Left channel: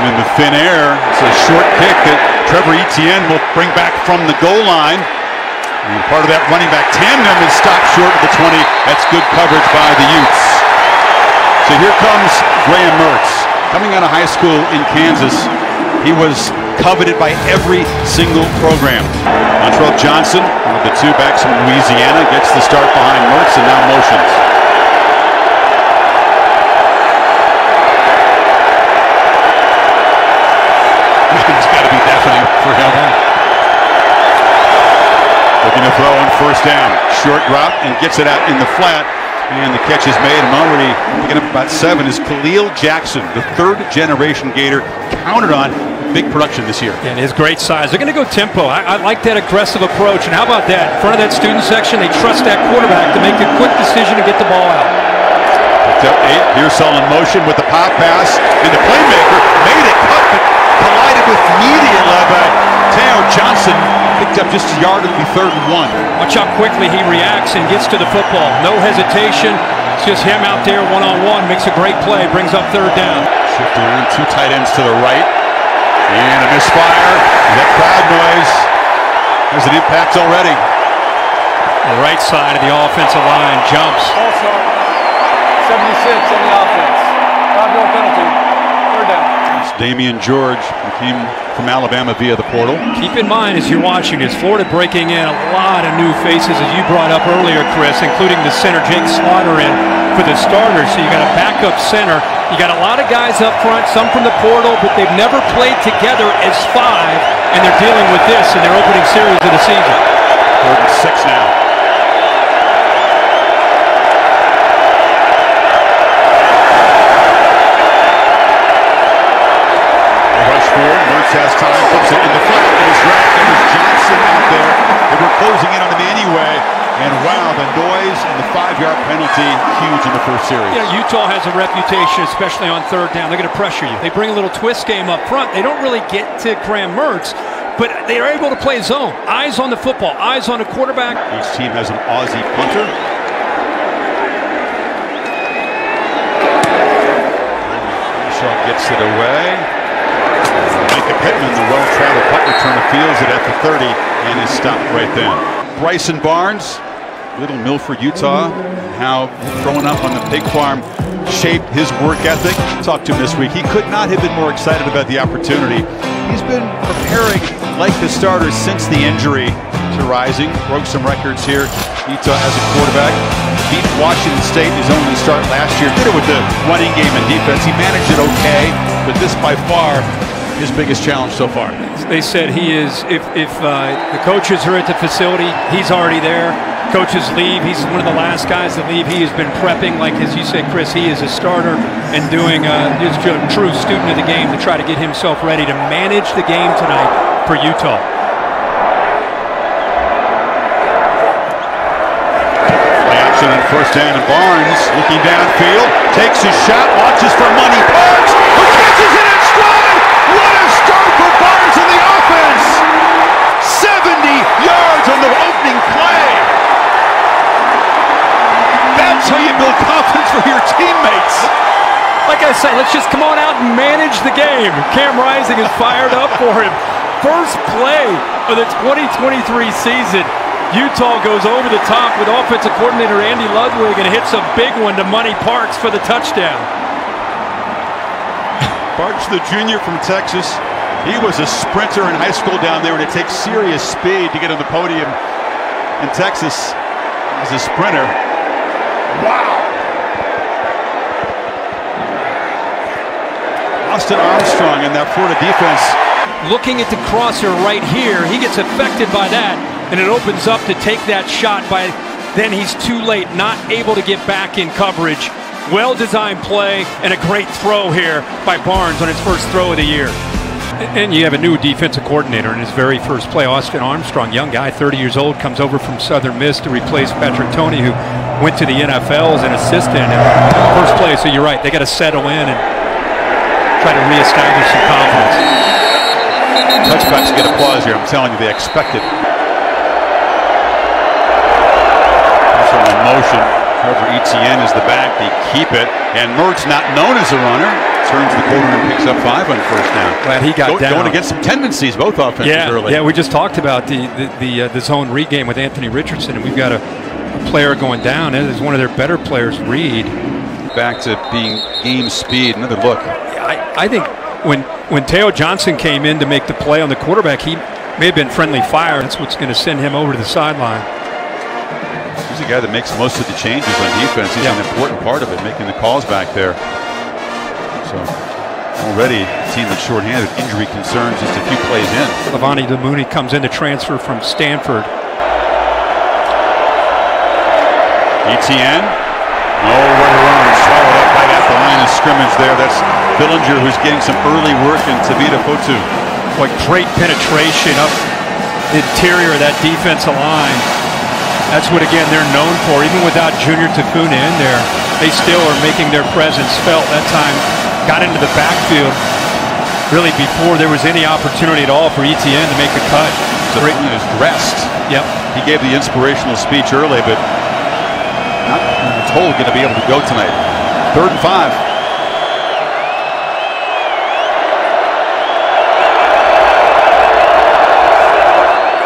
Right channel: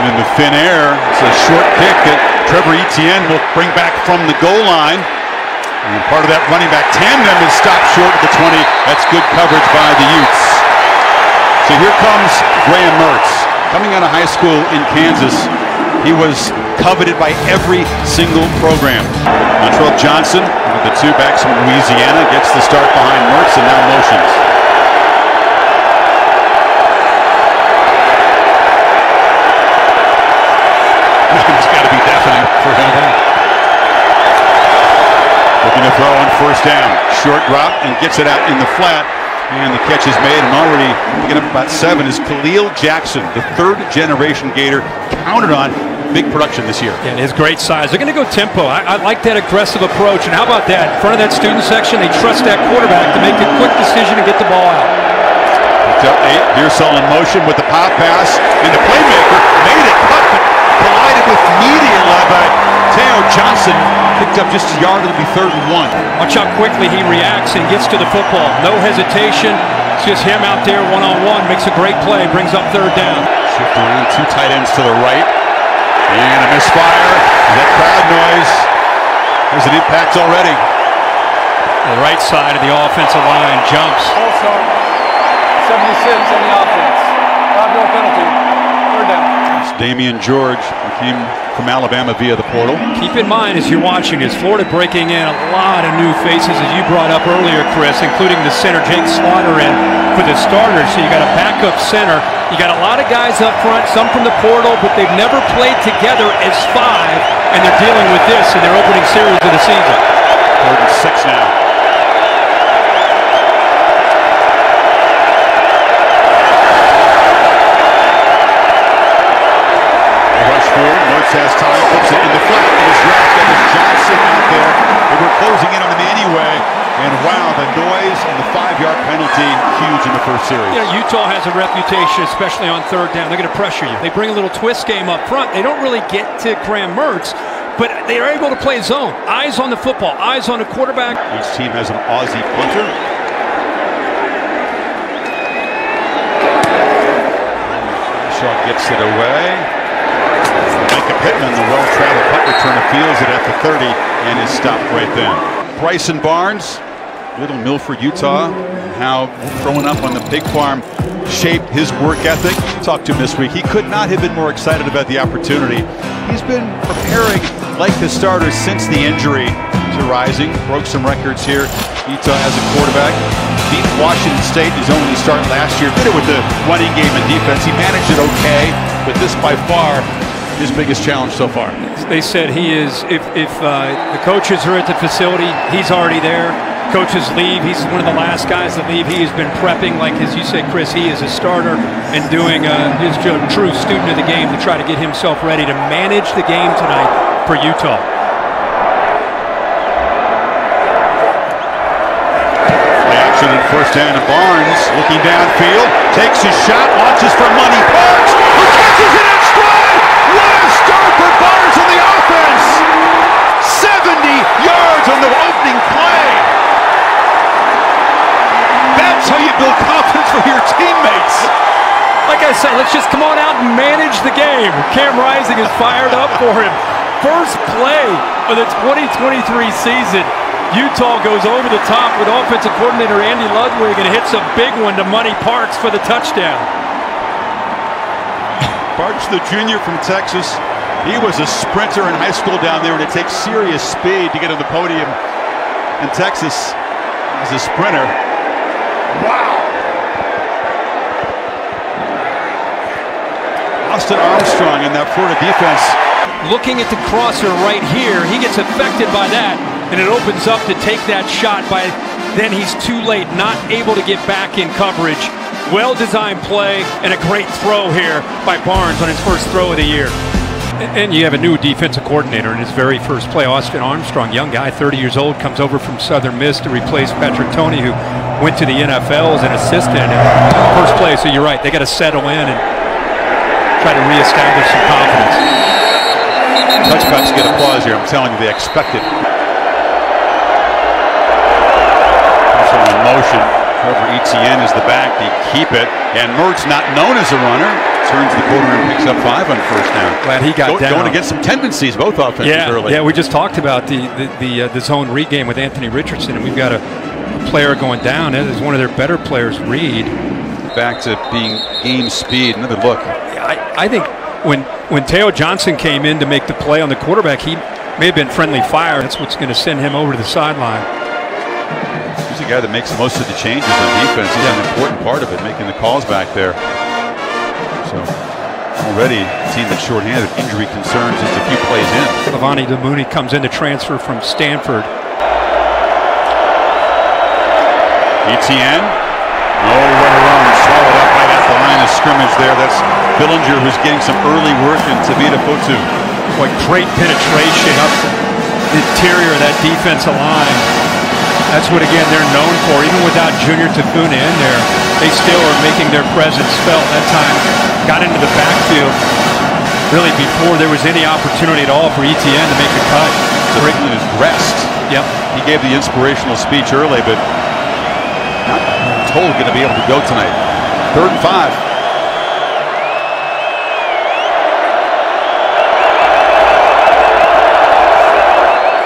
And in the thin air, it's a short kick that Trevor Etienne will bring back from the goal line. And part of that running back tandem is stopped short of the 20. That's good coverage by the Utes. So here comes Graham Mertz. Coming out of high school in Kansas, he was coveted by every single program. Montrell Johnson, one of the two backs from Louisiana, gets the start behind Mertz and now motions. It's got to be deafening for him. Looking to throw on first down. Short drop and gets it out in the flat. And the catch is made, and already picking up about 7 is Khalil Jackson, the third-generation Gator, counted on big production this year. Yeah, and his great size. They're going to go tempo. I like that aggressive approach. And how about that? In front of that student section, they trust that quarterback to make a quick decision and get the ball out. Picked up 8. Pearsall in motion with the pop pass, and the playmaker made it cut, but collided with immediate led by Teo Johnson. Picked up just a yard. It'll be 3rd and 1. Watch how quickly he reacts and gets to the football. No hesitation. It's just him out there one-on-one. Makes a great play. Brings up 3rd down. Shift around. 2 tight ends to the right. And a misfire. That crowd noise has an impact already. The right side of the offensive line jumps. All start. 76 on the offense. 5-yard penalty. 3rd down. It's Damian George, who came from Alabama via the portal. Keep in mind as you're watching this, Florida breaking in a lot of new faces, as you brought up earlier, Chris, including the center Jake Slaughter in for the starters. So you got a backup center. You got a lot of guys up front, some from the portal, but they've never played together as 5, and they're dealing with this in their opening series of the season. 3rd and 6 now. Mertz has time, flips it in the flat, and is dragged. That is Johnson out there. They were closing in on him anyway. And wow, the noise and the 5-yard penalty, huge in the first series. You know, Utah has a reputation, especially on 3rd down. They're going to pressure you. They bring a little twist game up front. They don't really get to Graham Mertz, but they are able to play zone. Eyes on the football, eyes on the quarterback. Each team has an Aussie punter. Shaw gets it away. Micah Pittman, the well-traveled punt returner, fields it at the 30 and is stopped right then. Bryson Barnes, Little Milford, Utah, and how growing up on the pig farm shaped his work ethic. Talked to him this week. He could not have been more excited about the opportunity. He's been preparing like the starter since the injury to Rising. Broke some records here. Utah as a quarterback. Beat Washington State in his only start last year. Did it with the running game and defense. He managed it okay, but this by far his biggest challenge so far. They said he is, if the coaches are at the facility, he's already there. Coaches leave, he's one of the last guys to leave. He has been prepping, like as you said, Chris, he is a starter and doing he's a true student of the game to try to get himself ready to manage the game tonight for Utah. Play action on first down, and Barnes looking downfield, takes his shot, launches for money. Parks, who catches it in stride. What a start for Barnes in the offense! 70 yards on the opening play. That's how you build confidence for your teammates. Like I said, let's just come on out and manage the game. Cam Rising is fired up for him. First play of the 2023 season. Utah goes over the top with offensive coordinator Andy Ludwig and hits a big one to Money Parks for the touchdown. Parks, the junior from Texas, he was a sprinter in high school down there, and it takes serious speed to get on the podium in Texas as a sprinter. Wow! Austin Armstrong in that Florida defense. Looking at the crosser right here, he gets affected by that, and it opens up to take that shot by, then he's too late, not able to get back in coverage. Well-designed play and a great throw here by Barnes on his first throw of the year. And you have a new defensive coordinator in his very first play. Austin Armstrong, young guy, 30 years old, comes over from Southern Miss to replace Patrick Toney, who went to the NFL as an assistant. And first play, so you're right, they got to settle in and try to reestablish some confidence. Touchbacks get applause here. I'm telling you, they expect it. Also in motion. Trevor Etienne is the back. They keep it. And Mertz, not known as a runner, turns the corner and picks up 5 on first down. Glad he got down. Going against some tendencies, both offenses early. Yeah, we just talked about the zone read game with Anthony Richardson, and we've got a player going down. That is one of their better players, Reed. Back to being game speed. Another look. I think when Teo Johnson came in to make the play on the quarterback, he may have been friendly fire. That's what's going to send him over to the sideline. He's the guy that makes most of the changes on defense. He's an important part of it, making the calls back there. So already a team that's shorthanded, injury concerns just a few plays in. Levani Damuni comes in to transfer from Stanford. Etienne, nowhere to run, swallowed up right at the line of scrimmage there. That's Billinger who's getting some early work in Tavita Fotu. What great penetration up the interior of that defensive line. That's what, again, they're known for. Even without Junior Tafuna in there, they still are making their presence felt. That time got into the backfield really before there was any opportunity at all for Etienne to make a cut. Tafuna is dressed. Yep. He gave the inspirational speech early, but not told going to be able to go tonight. 3rd and 5.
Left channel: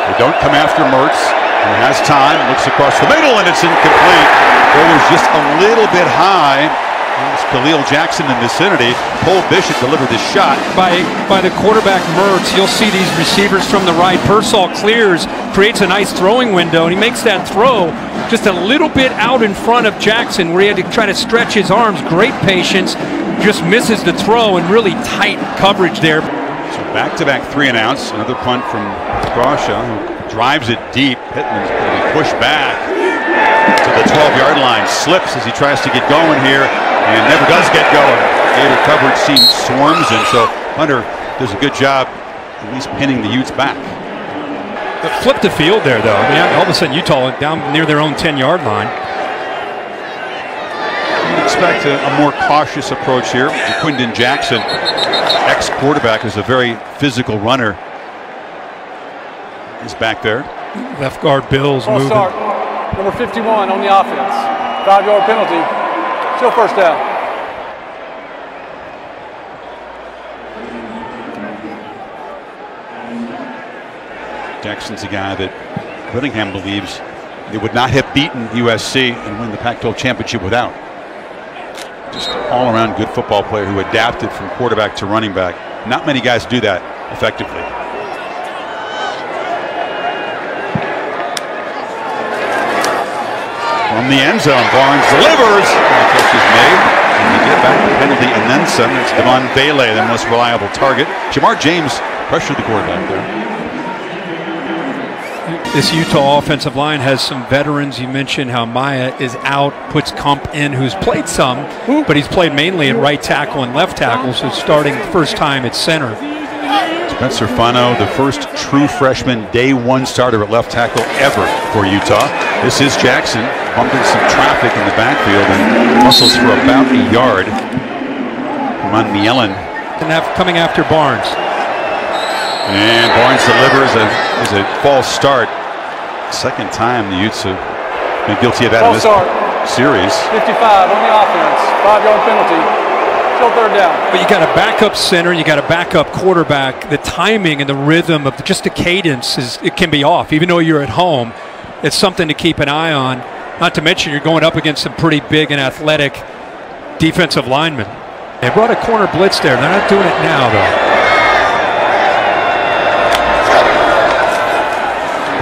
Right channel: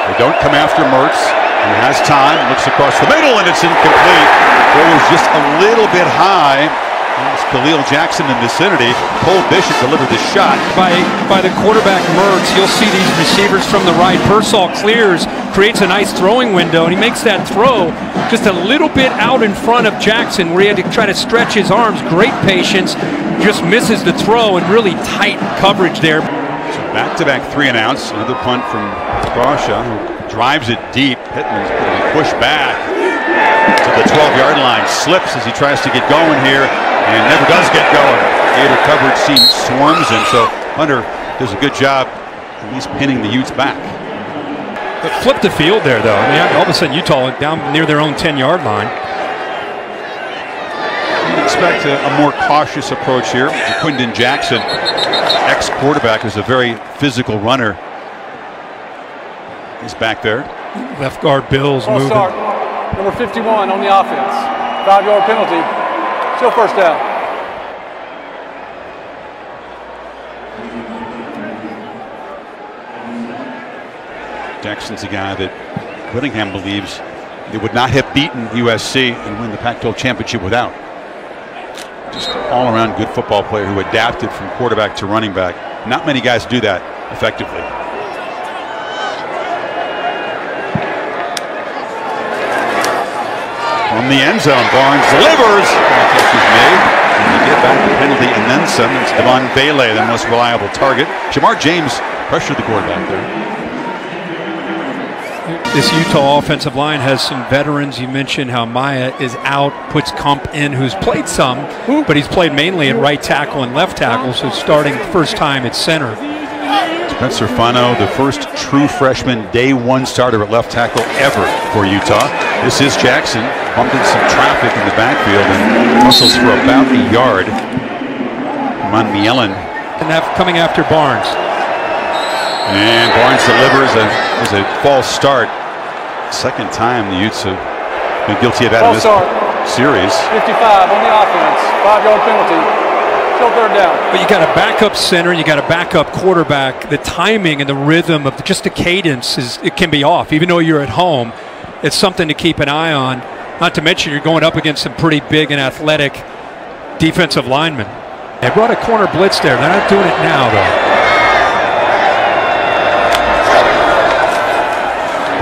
They don't come after Mertz. He has time, looks across the middle, and it's incomplete. It was just a little bit high. It was Khalil Jackson in the vicinity. Cole Bishop delivered the shot. By the quarterback, Mertz, you'll see these receivers from the right. Pearsall clears, creates a nice throwing window, and he makes that throw just a little bit out in front of Jackson, where he had to try to stretch his arms. Great patience, just misses the throw, and really tight coverage there. So back-to-back 3 and outs. Another punt from Grosha, who drives it deep. Pittman's going to be pushed back to the 12-yard line. Slips as he tries to get going here and never does get going. Gator coverage seems swarms him, so Hunter does a good job at least pinning the Utes back. But flip the field there, though. I mean, all of a sudden Utah down near their own 10-yard line. You'd expect a more cautious approach here. Jaquindon Jackson, ex-quarterback, who's a very physical runner, is back there. Left guard Bills moving. Start. Number 51 on the offense. 5-yard penalty. Still first down. Jackson's a guy that Whittingham believes they would not have beaten USC and win the Pac-12 championship without. Just all-around good football player who adapted from quarterback to running back. Not many guys do that effectively. From the end zone, Barnes delivers. The catch is made. And you get back the penalty and then some. It's Devon Bailey, the most reliable target. Jamar James pressured the quarterback there. This Utah offensive line has some veterans. You mentioned how Maya is out, puts Kump in, who's played some, but he's played mainly at right tackle and left tackle, so starting first time at center. Spencer Fano, the first true freshman day 1 starter at left tackle ever for Utah. This is Jackson, bumped into some traffic in the backfield and muscles for about a yard. Mon Mielen. And coming after Barnes. And Barnes delivers is a false start. Second time the Utes have been guilty of that in this series. 55 on the offense. 5-yard penalty. Still 3rd down. But you got a backup center, you got a backup quarterback. The timing and the rhythm of just the cadence it can be off. Even though you're at home, it's something to keep an eye on. Not to mention you're going up against some pretty big and athletic defensive linemen. They brought a corner blitz there. They're not doing it now, though.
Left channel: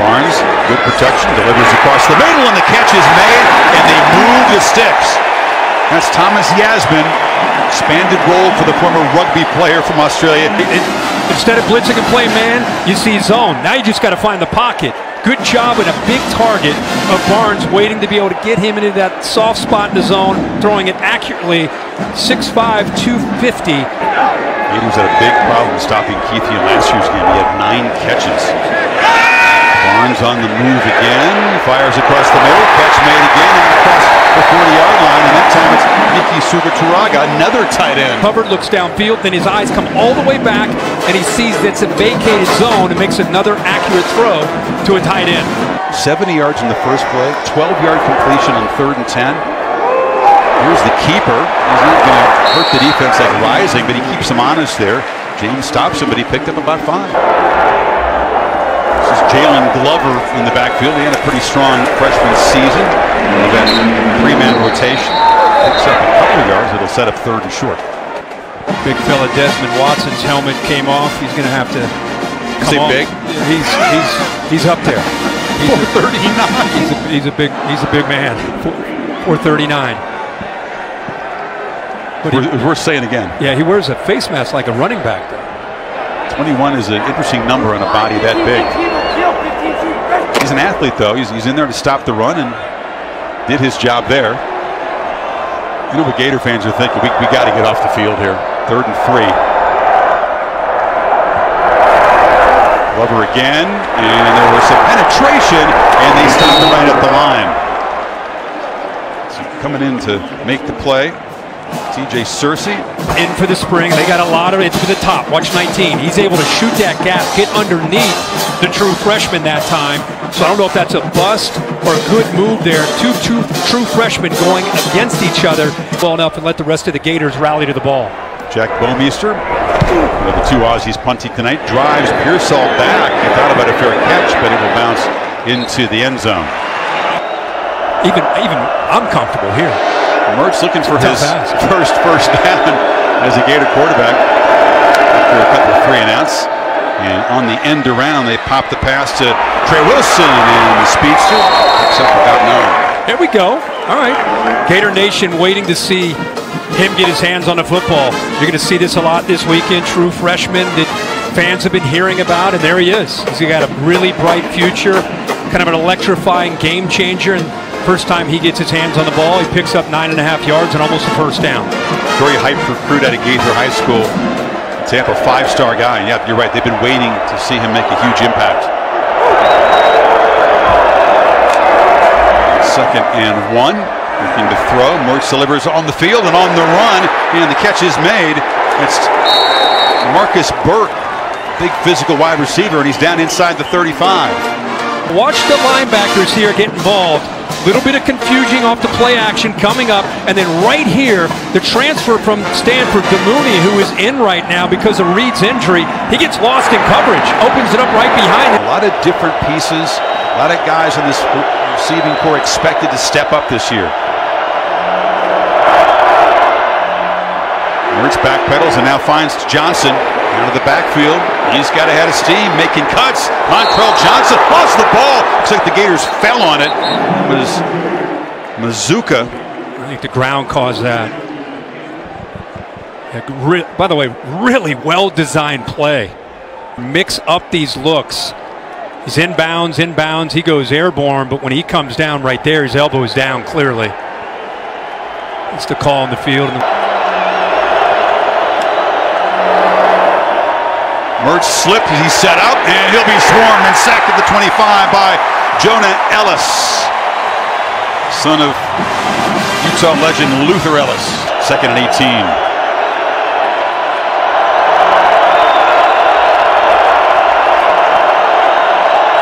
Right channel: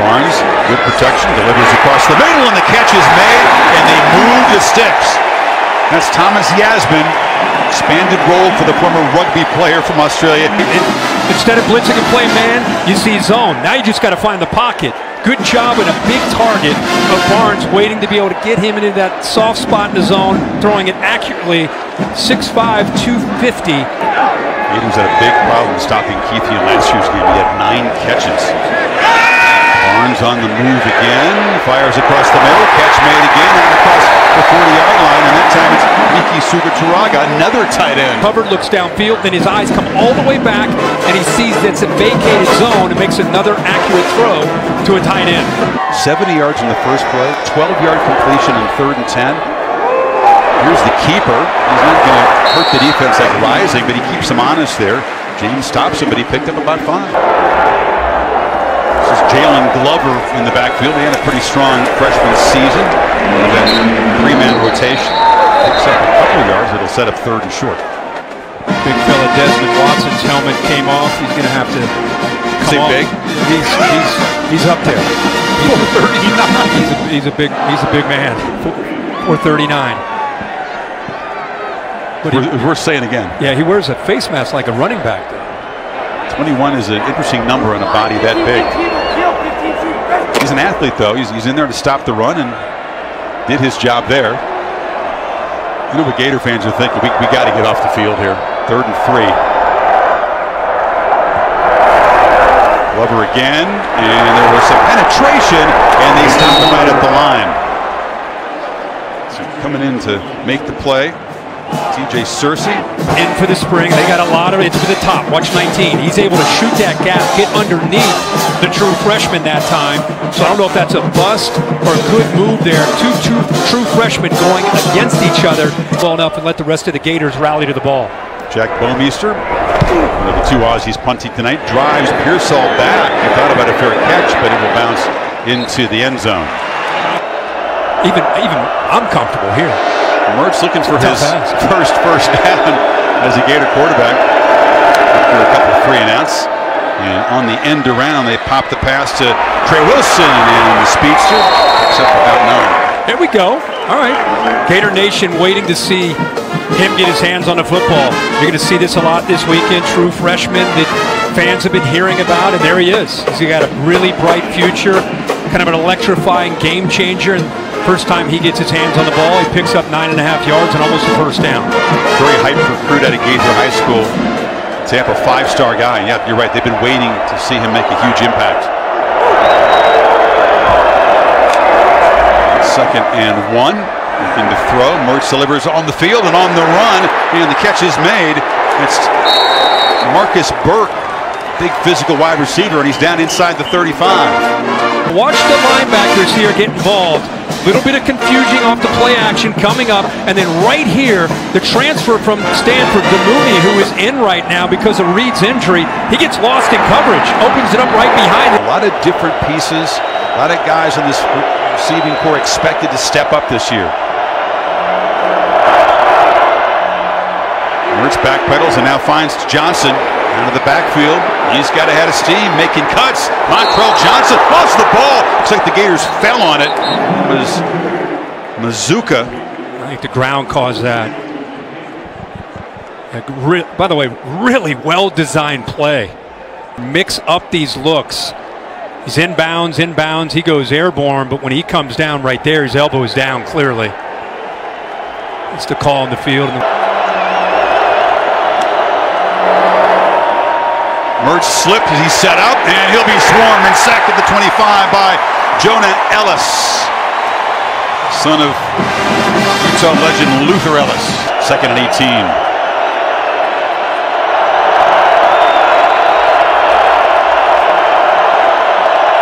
Barnes, good protection, delivers across the middle, and the catch is made, and they move the sticks. That's Thomas Yasmin, expanded role for the former rugby player from Australia. Instead of blitzing and play man, you see zone. Now you just got to find the pocket. Good job with a big target of Barnes, waiting to be able to get him into that soft spot in the zone, throwing it accurately. 6'5", 250. Gators had a big problem stopping Keith in last year's game. He had 9 catches. Barnes on the move again, fires across the middle, catch made again, out across the 40-yard line, and that time it's Miki Sugaturaga, another tight end. Hubbard looks downfield, then his eyes come all the way back, and he sees that's a vacated zone and makes another accurate throw to a tight end. 70 yards in the first play, 12-yard completion on 3rd and 10. Here's the keeper. He's not going to hurt the defense like Rising, but he keeps them honest there. James stops him, but he picked up about 5. This is Jalen Glover in the backfield. He had a pretty strong freshman season. One of that 3-man rotation. Picks up a couple of yards. It'll set up 3rd and short. Big fella Desmond Watson's helmet came off. He's going to have to come off. Big? He's up there. 439. He's a big man. 439. But we're saying again. Yeah, he wears a face mask like a running back, though. 21 is an interesting number on a body that big. He's an athlete, though. He's in there to stop the run and did his job there. You know what Gator fans are thinking? We got to get off the field here. 3rd and 3. Glover again, and there was some penetration, and they stopped him right at the line. So coming in to make the play, TJ Searcy. In for the spring. They got a lot of it. It's for the top. Watch 19. He's able to shoot that gap, get underneath the true freshman that time. So I don't know if that's a bust or a good move there. Two true freshmen going against each other well enough and let the rest of the Gators rally to the ball. Jack Bomeister, one of the 2 Aussies punting tonight, drives Pearsall back. He thought about a fair catch, but it will bounce into the end zone. Even I'm comfortable here. Mertz looking for his first down as a Gator quarterback after a couple of 3 and outs. And on the end around, they pop the pass to Trey Wilson, and the speedster picks up about 9. Here we go. All right. Gator Nation waiting to see him get his hands on the football. You're going to see this a lot this weekend. True freshman that fans have been hearing about, and there he is. He's got a really bright future, kind of an electrifying game changer. And first time he gets his hands on the ball, he picks up 9.5 yards and almost a first down. Very hyped recruit out of Gaither High School. Tampa 5-star guy. And yeah, you're right. They've been waiting to see him make a huge impact. 2nd and 1. Looking to throw. Mertz delivers on the field and on the run. And the catch is made. It's Marcus Burke, big physical wide receiver, and he's down inside the 35. Watch the linebackers here get involved. Little bit of confusion off the play action coming up, and then right here, the transfer from Stanford, Demooney, who is in right now because of Reed's injury. He gets lost in coverage, opens it up right behind him. A lot of different pieces, a lot of guys in this receiving corps expected to step up this year. Mertz backpedals and now finds Johnson out of the backfield. He's got ahead of steam, making cuts. Montrell Johnson lost the ball. Looks like the Gators fell on it. It was Mazuka. I think the ground caused that. By the way, really well-designed play. Mix up these looks. He's inbounds. He goes airborne, but when he comes down right there, his elbow is down clearly. It's the call in the field. Mertz slipped as he set up, and he'll be swarmed and sacked at the 25 by Jonah Ellis, son of Utah legend Luther Ellis. 2nd and 18.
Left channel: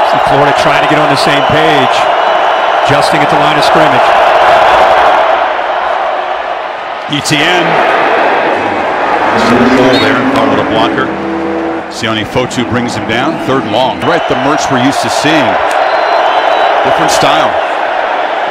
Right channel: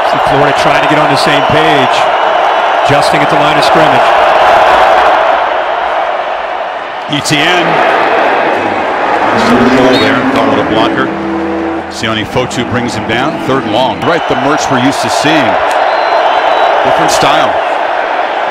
See Florida trying to get on the same page, adjusting at the line of scrimmage. ETN. Some hole there and called it a blocker. Sione Fotu brings him down. 3rd and long. Right, the Mertz we're used to seeing. Different style.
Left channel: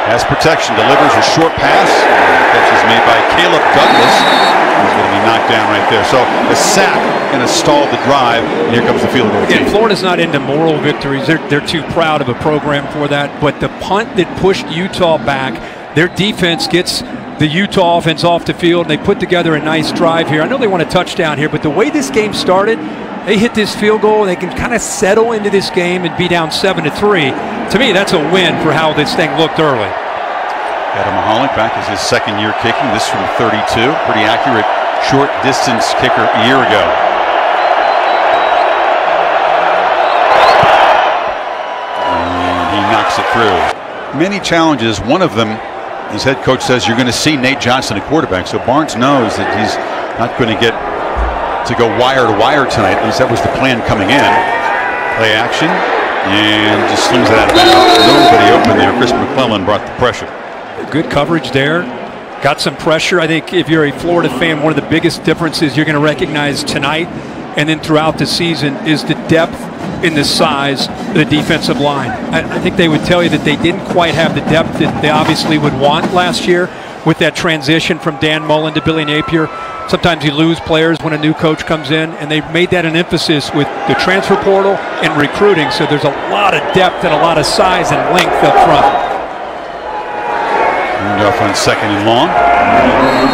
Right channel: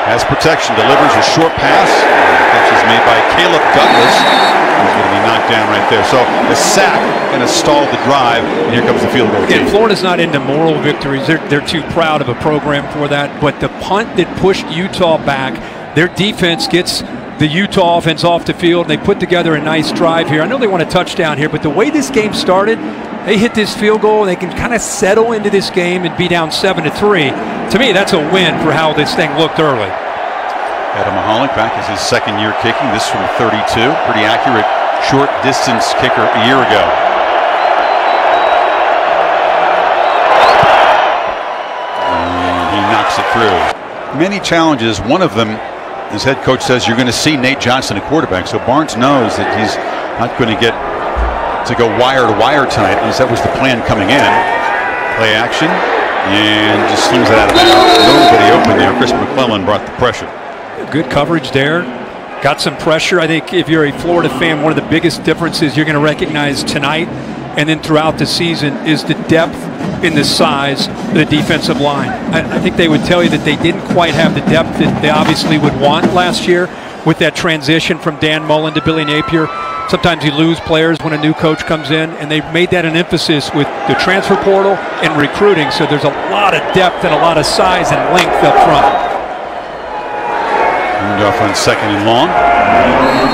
Has protection. Delivers a short pass. And the catch is made by Caleb Douglas. He's going to be knocked down right there. So a sack going to stall the drive. And here comes the field goal team. Florida's not into moral victories. They're too proud of a program for that. But the punt that pushed Utah back, their defense gets the Utah offense off the field. And they put together a nice drive here. I know they want a touchdown here, but the way this game started, they hit this field goal, and they can kind of settle into this game and be down 7-3. To me, that's a win for how this thing looked early. Adam Mahalik back as his 2nd year kicking. This from 32. Pretty accurate short distance kicker a year ago. And he knocks it through. Many challenges. One of them, his head coach says, you're going to see Nate Johnson at quarterback. So Barnes knows that he's not going to get to go wire to wire tonight. At least that was the plan coming in. Play action, and just slings it out of bounds. Nobody open there. Chris McClellan brought the pressure. Good coverage there. got some pressure. I think if you're a Florida fan, one of the biggest differences you're going to recognize tonight and then throughout the season is the depth in the size of the defensive line. I think they would tell you that they didn't quite have the depth that they obviously would want last year with that transition from Dan Mullen to Billy Napier. Sometimes you lose players when a new coach comes in, and they made that an emphasis with the transfer portal and recruiting, so there's a lot of depth and a lot of size and length up front. Moved off on 2nd and long.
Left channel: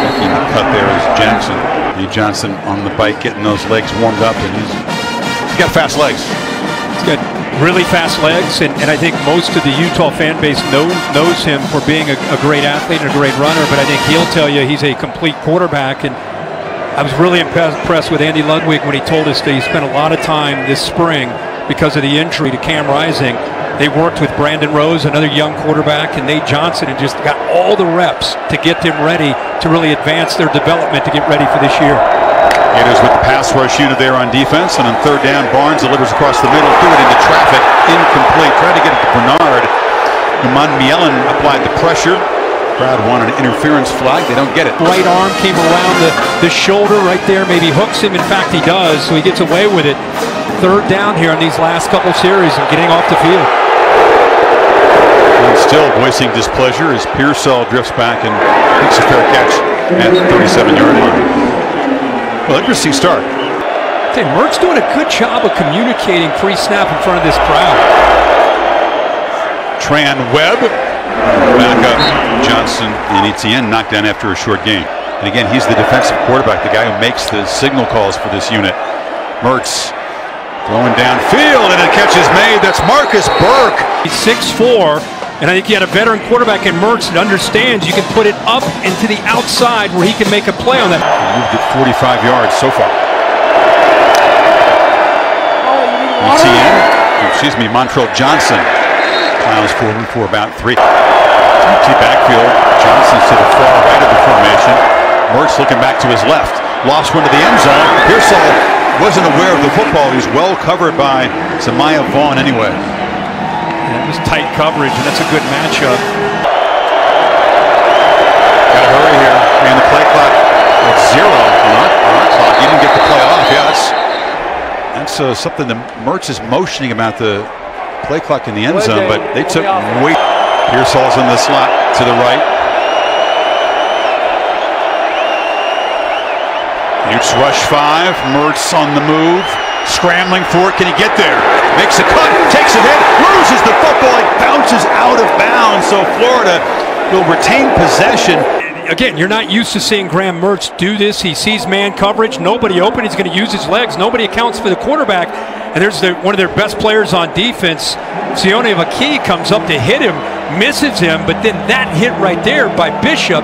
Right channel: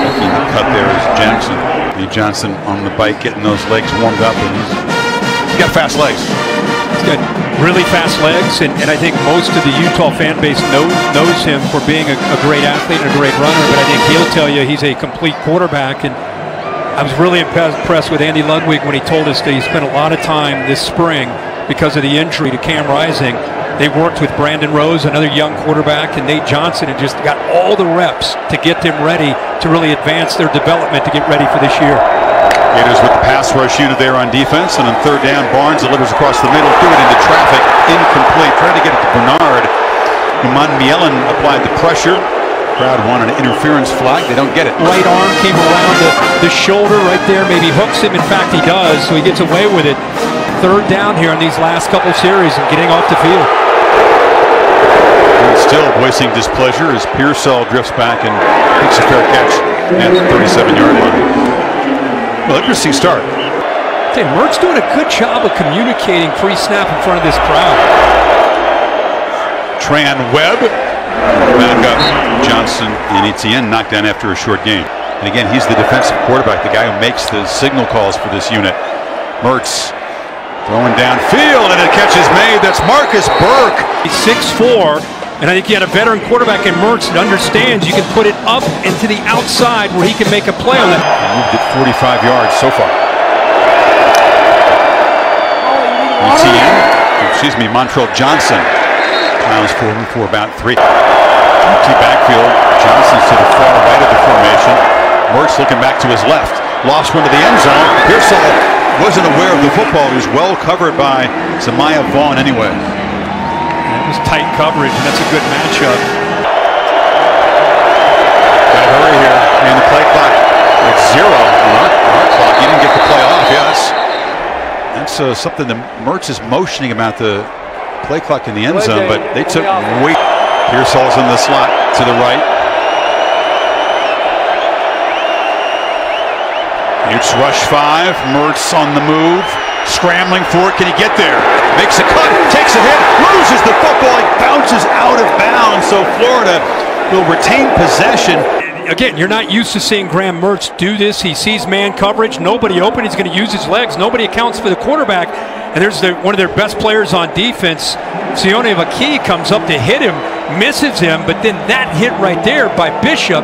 Making the cut there is Jackson. Nate Johnson on the bike, getting those legs warmed up, and he's got fast legs. He's got really fast legs, and I think most of the Utah fan base knows him for being a great athlete and a great runner, but I think he'll tell you he's a complete quarterback. And I was really impressed with Andy Ludwig when he told us that he spent a lot of time this spring because of the injury to Cam Rising. They worked with Brandon Rose, another young quarterback, and Nate Johnson, and just got all the reps to get them ready to really advance their development to get ready for this year. Gators with the pass rush unit there on defense, and on 3rd down, Barnes delivers across the middle, threw it into traffic, incomplete. Tried to get it to Bernard. Iman Mielen applied the pressure. Crowd wanted an interference flag. They don't get it. Right arm came around the shoulder right there, maybe hooks him. In fact, he does, so he gets away with it. 3rd down here on these last couple series and getting off the field. And still voicing displeasure as Pearsall drifts back and makes a fair catch at the 37-yard line. Well, interesting start. Okay, Mertz doing a good job of communicating pre-snap in front of this crowd. Tran Webb, back up. Johnson and Etienne knocked down after a short game. And again, he's the defensive quarterback, the guy who makes the signal calls for this unit. Mertz throwing downfield, and a catch is made. That's Marcus Burke. He's 6'4", and I think you had a veteran quarterback in Mertz that understands you can put it up and to the outside where he can make a play on that. He moved it 45 yards so far. Montrell Johnson plows forward for about 3. Empty backfield. Johnson's to the far right of the formation. Mertz looking back to his left. Lost one to the end zone. Pearsall wasn't aware of the football. He was well covered by Zamiah Vaughn anyway. Yeah, it was tight coverage, and that's a good matchup. Got to hurry here. And the play clock at 0 on our clock. You didn't get the play off. Yeah, that's something that Mertz is motioning about the play clock in the end zone, but they took way. Pearsall's in the slot to the right. Utes rush 5. Mertz on the move. Scrambling for it. Can he get there? Makes a cut. Takes a hit. Loses the football. It bounces out of bounds. So Florida will retain possession. Again, you're not used to seeing Graham Mertz do this. He sees man coverage. Nobody open. He's going to use his legs. Nobody accounts for the quarterback. And there's one of their best players on defense. Sione Vaki comes up to hit him. Misses him. But then that hit right there by Bishop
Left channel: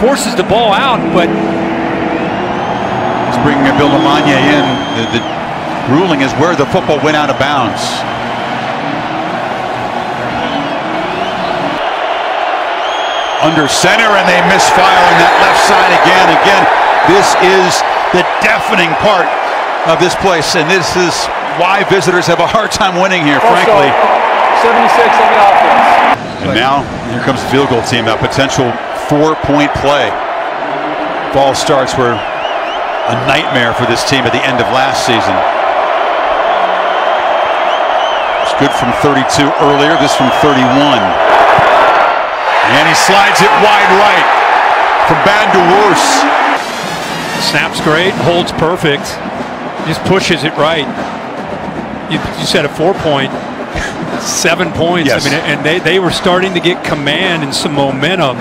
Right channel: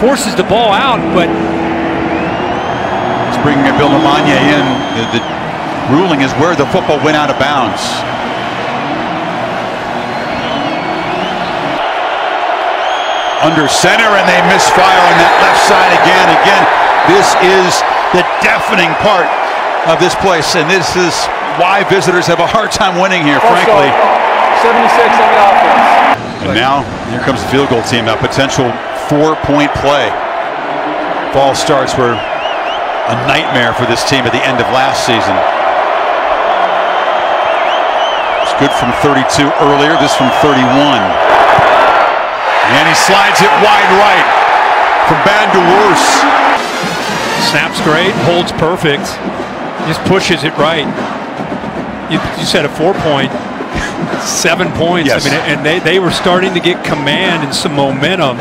forces the ball out. But bringing Bill Lamagna in. The ruling is where the football went out of bounds. Under center, and they misfire on that left side again. Again, this is the deafening part of this place, and this is why visitors have a hard time winning here, frankly. 76 on the offense. And now, here comes the field goal team. A potential 4-point play. Fall starts were a nightmare for this team at the end of last season. It's good from 32 earlier, this from 31. And he slides it wide right. From bad to worse. Snap's great, holds perfect. Just pushes it right. You said a 4-point. 7 points. Yes. I mean, and they were starting to get command and some momentum.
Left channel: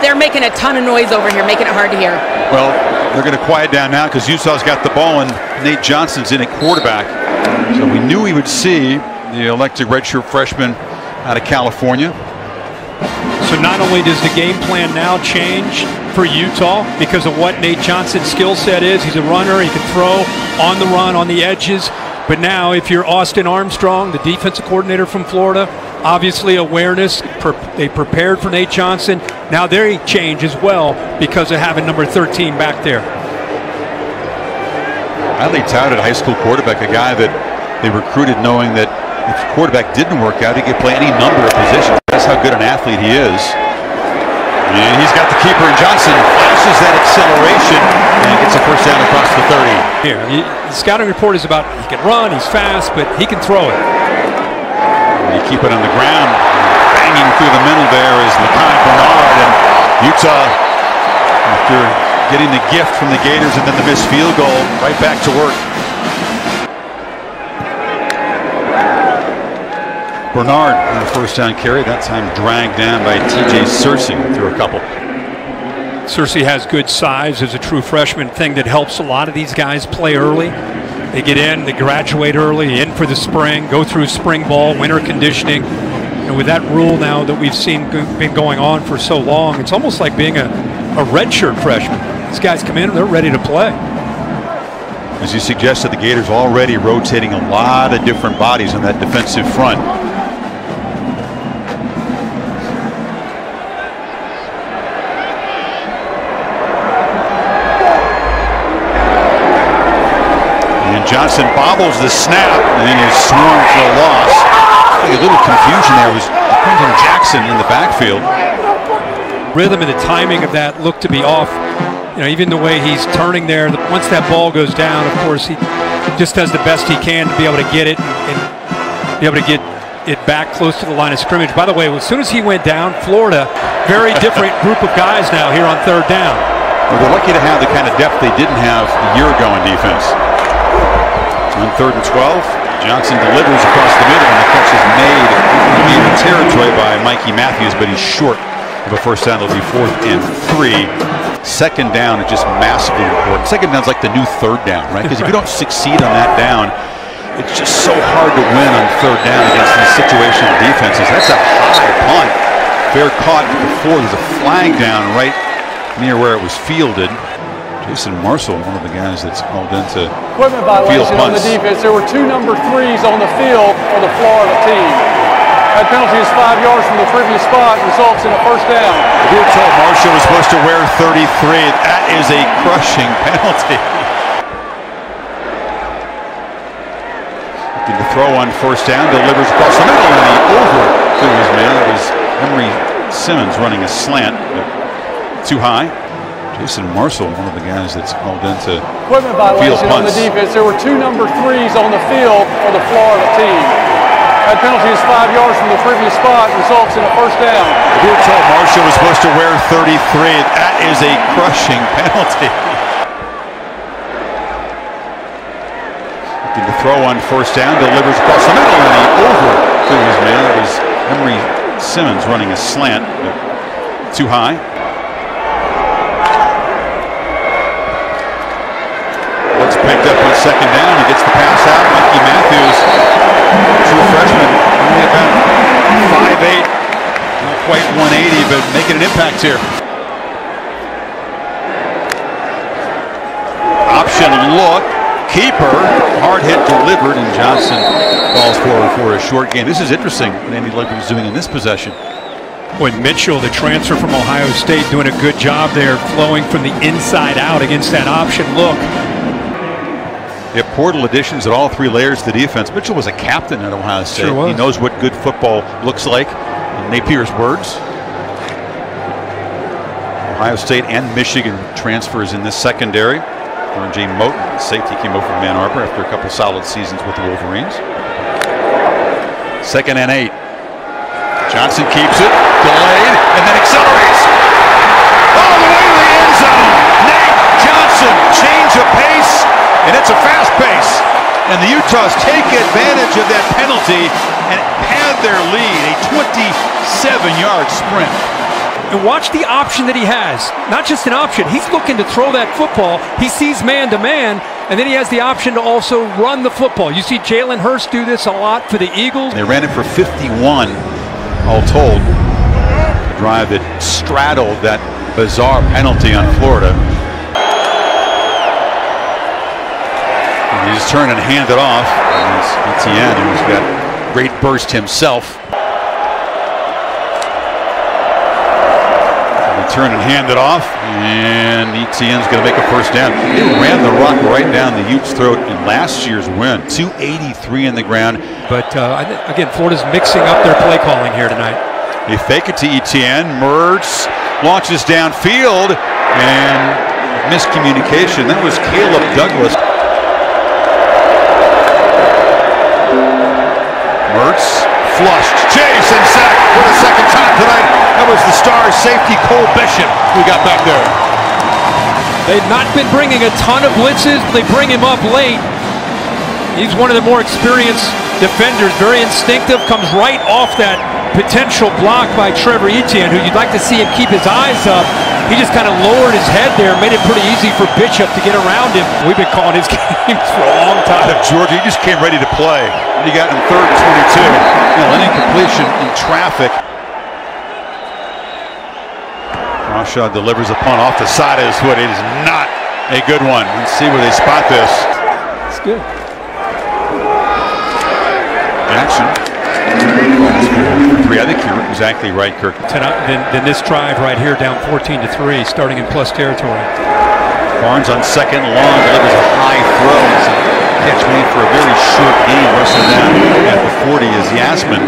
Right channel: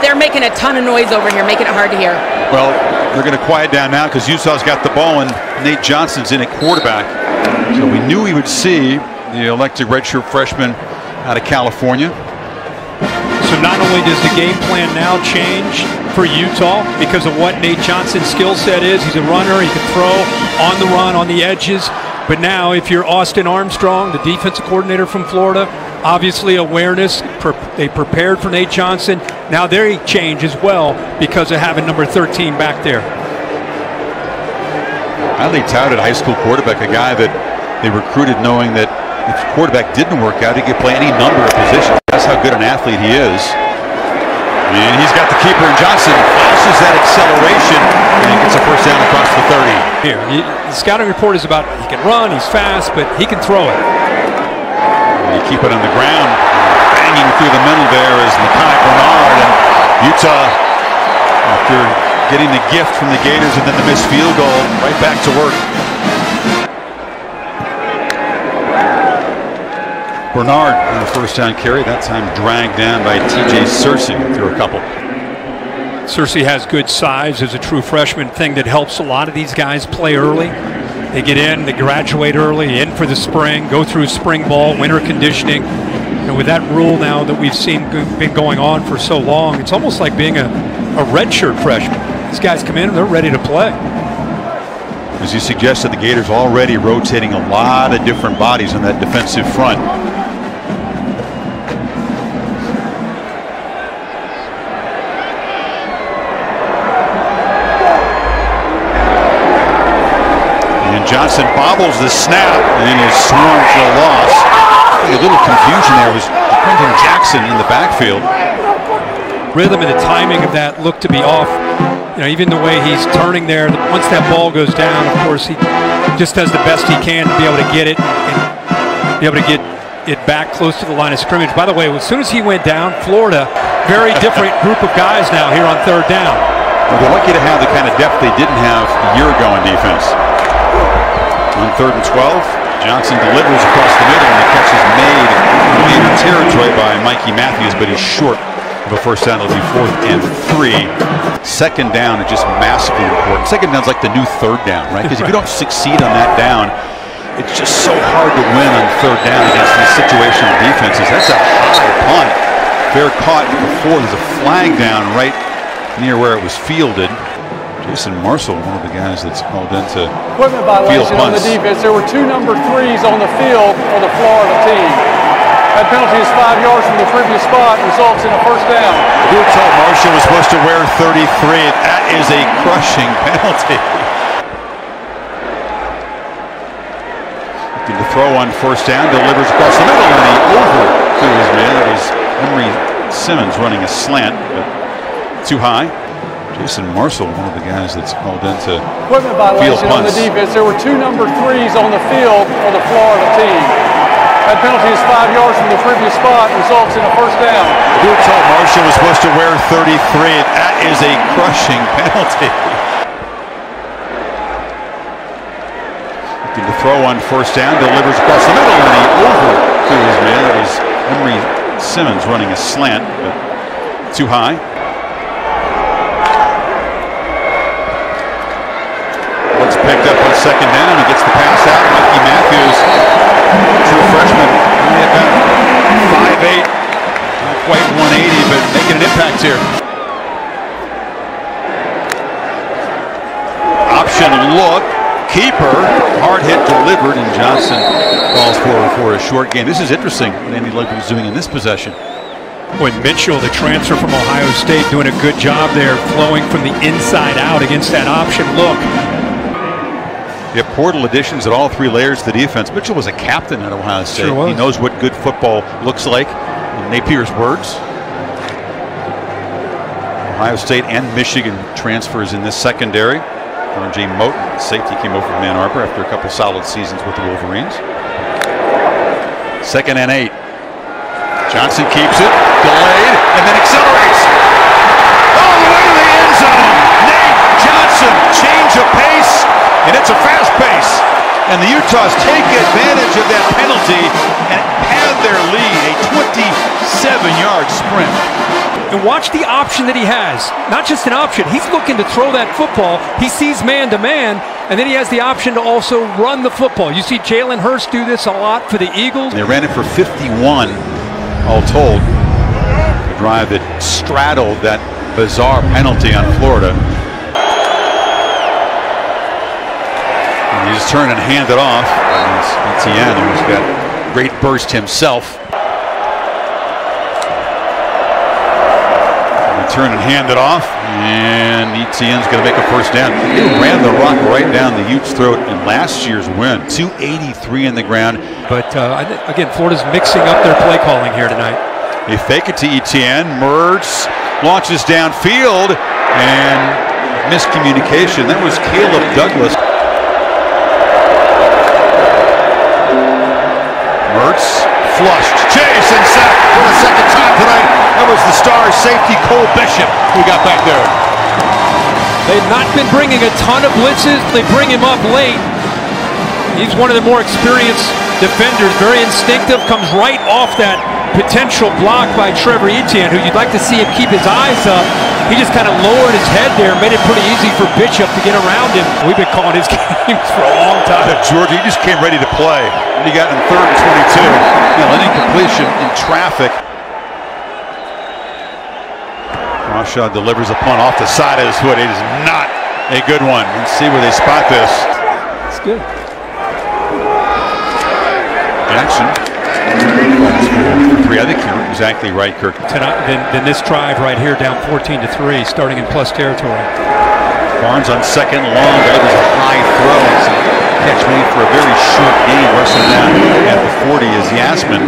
They're making a ton of noise over here, making it hard to hear. Well, they're going to quiet down now because Utah's got the ball and Nate Johnson's in at quarterback. So we knew we would see the elected redshirt freshman out of California. So not only does the game plan now change for Utah because of what Nate Johnson's skill set is, he's a runner, he can throw on the run, on the edges, but now if you're Austin Armstrong, the defensive coordinator from Florida, obviously awareness, they prepared for Nate Johnson, now they change as well because of having number 13 back there. Highly touted high school quarterback, a guy that they recruited knowing that if the quarterback didn't work out, he could play any number of positions. That's how good an athlete he is. And he's got the keeper, and Johnson flashes that acceleration and gets a first down across the 30. Here, the scouting report is about he can run, he's fast, but he can throw it. And you keep it on the ground. Banging through the middle there is Mekhi Bernard, and Utah, after getting the gift from the Gators and then the missed field goal, right back to work. Bernard on the first down carry, that time dragged down by TJ Searcy through a couple. Searcy has good size as a true freshman, thing that helps a lot of these guys play early. They get in, they graduate early, in for the spring, go through spring ball, winter conditioning. And with that rule now that we've seen been going on for so long, it's almost like being a redshirt freshman. These guys come in, they're ready to play. As you suggested, the Gators already rotating a lot of different bodies on that defensive front. Johnson bobbles the snap and is swarmed for a loss. I think a little confusion there was Quentin Jackson in the backfield. Rhythm and the timing of that looked to be off. You know, even the way he's turning there, once that ball goes down, of course, he just does the best he can to be able to get it and be able to get it back close to the line of scrimmage. By the way, as soon as he went down, Florida, very different group of guys now here on third down. Well, they're lucky to have the kind of depth they didn't have a year ago in defense. On 3rd and 12, Johnson delivers across the middle, and the catch is made in Gator territory by Mikey Matthews, but he's short of a first down. It'll be 4th and 3. Second down is just massively important. Second down is like the new third down, right? Because if you don't succeed on that down, it's just so hard to win on third down against these situational defenses. That's a high punt. Fair caught before. There's a flag down right near where it was fielded. Jason Marshall, one of the guys that's called into equipment violation on the defense. There were 2 number 3s on the field for the Florida team. That penalty is 5 yards from the previous spot, results in a first down. We were told Marshall was supposed to wear 33. That is a crushing penalty. Looking to throw on first down, delivers across the middle, and he overthrew his man. That was Emery Simmons running a slant, but too high. Jason Marshall, one of the guys that's called into equipment violation on the defense. There were 2 number 3s on the field for the Florida team. That penalty is 5 yards from the previous spot, results in a first down. We were told Marshall was supposed to wear 33. That is a crushing penalty. Looking to throw on first down, delivers across the middle, and he overthrew his man. That was Emery Simmons running a slant, but too high. It's picked up on second down. He gets the pass out. Mikey Matthews, true freshman, only about 5'8", not quite 180, but making an impact here. Option look, keeper, hard hit delivered, and Johnson falls forward for a short gain. This is interesting what Andy Ludwig is doing in this possession. Boy, Mitchell, the transfer from Ohio State, doing a good job there, flowing from the inside out against that option look. They have portal additions at all 3 layers of the defense. Mitchell was a captain at Ohio State. Sure was. He knows what good football looks like, in Napier's words. Ohio State and Michigan transfers in this secondary. R.J. Moten, safety, came over from Ann Arbor after a couple solid seasons with the Wolverines. 2nd and 8. Johnson keeps it, delayed, and then accelerates. All the way to the end zone. Nate Johnson, change of pace. And it's a fast pace. And the Utahs take advantage of that penalty and have their lead, a 27-yard sprint. And watch the option that he has. Not just an option. He's looking to throw that football. He sees man-to-man, and then he has the option to also run the football. You see Jalen Hurst do this a lot for the Eagles. They ran it for 51, all told. A drive that straddled that bizarre penalty on Florida. He just turned and handed it off. And it's Etienne, who's got great burst himself. He turned and handed it off, and Etienne's going to make a first down. They ran the rock right down the Utes' throat in last year's win. 283 in the ground. But again, Florida's mixing up their play calling here tonight. They fake it to Etienne, merge, launches downfield, and miscommunication. That was Caleb Douglas. Mertz flushed, chase, and sack for the second time tonight. That was the star safety Cole Bishop who got back there. They've not been bringing a ton of blitzes. They bring him up late. He's one of the more experienced defenders, very instinctive, comes right off that potential block by Trevor Etienne, who you'd like to see him keep his eyes up. He just kind of lowered his head there, made it pretty easy for Bishop to get around him. We've been calling his games for a long time. Georgia, he just came ready to play. He got in 3rd and 22. An incompletion in traffic. Crawshaw delivers a punt off the side of his foot. It is not a good one. Let's see where they spot this. It's good. Jackson calls for 3. I think you're exactly right, Kirk. Then this drive right here down 14-3, starting in plus territory. Barnes on 2nd and long delivers a high throw and some catch made for a very short gain. Russell down at the 40 is Yasmin.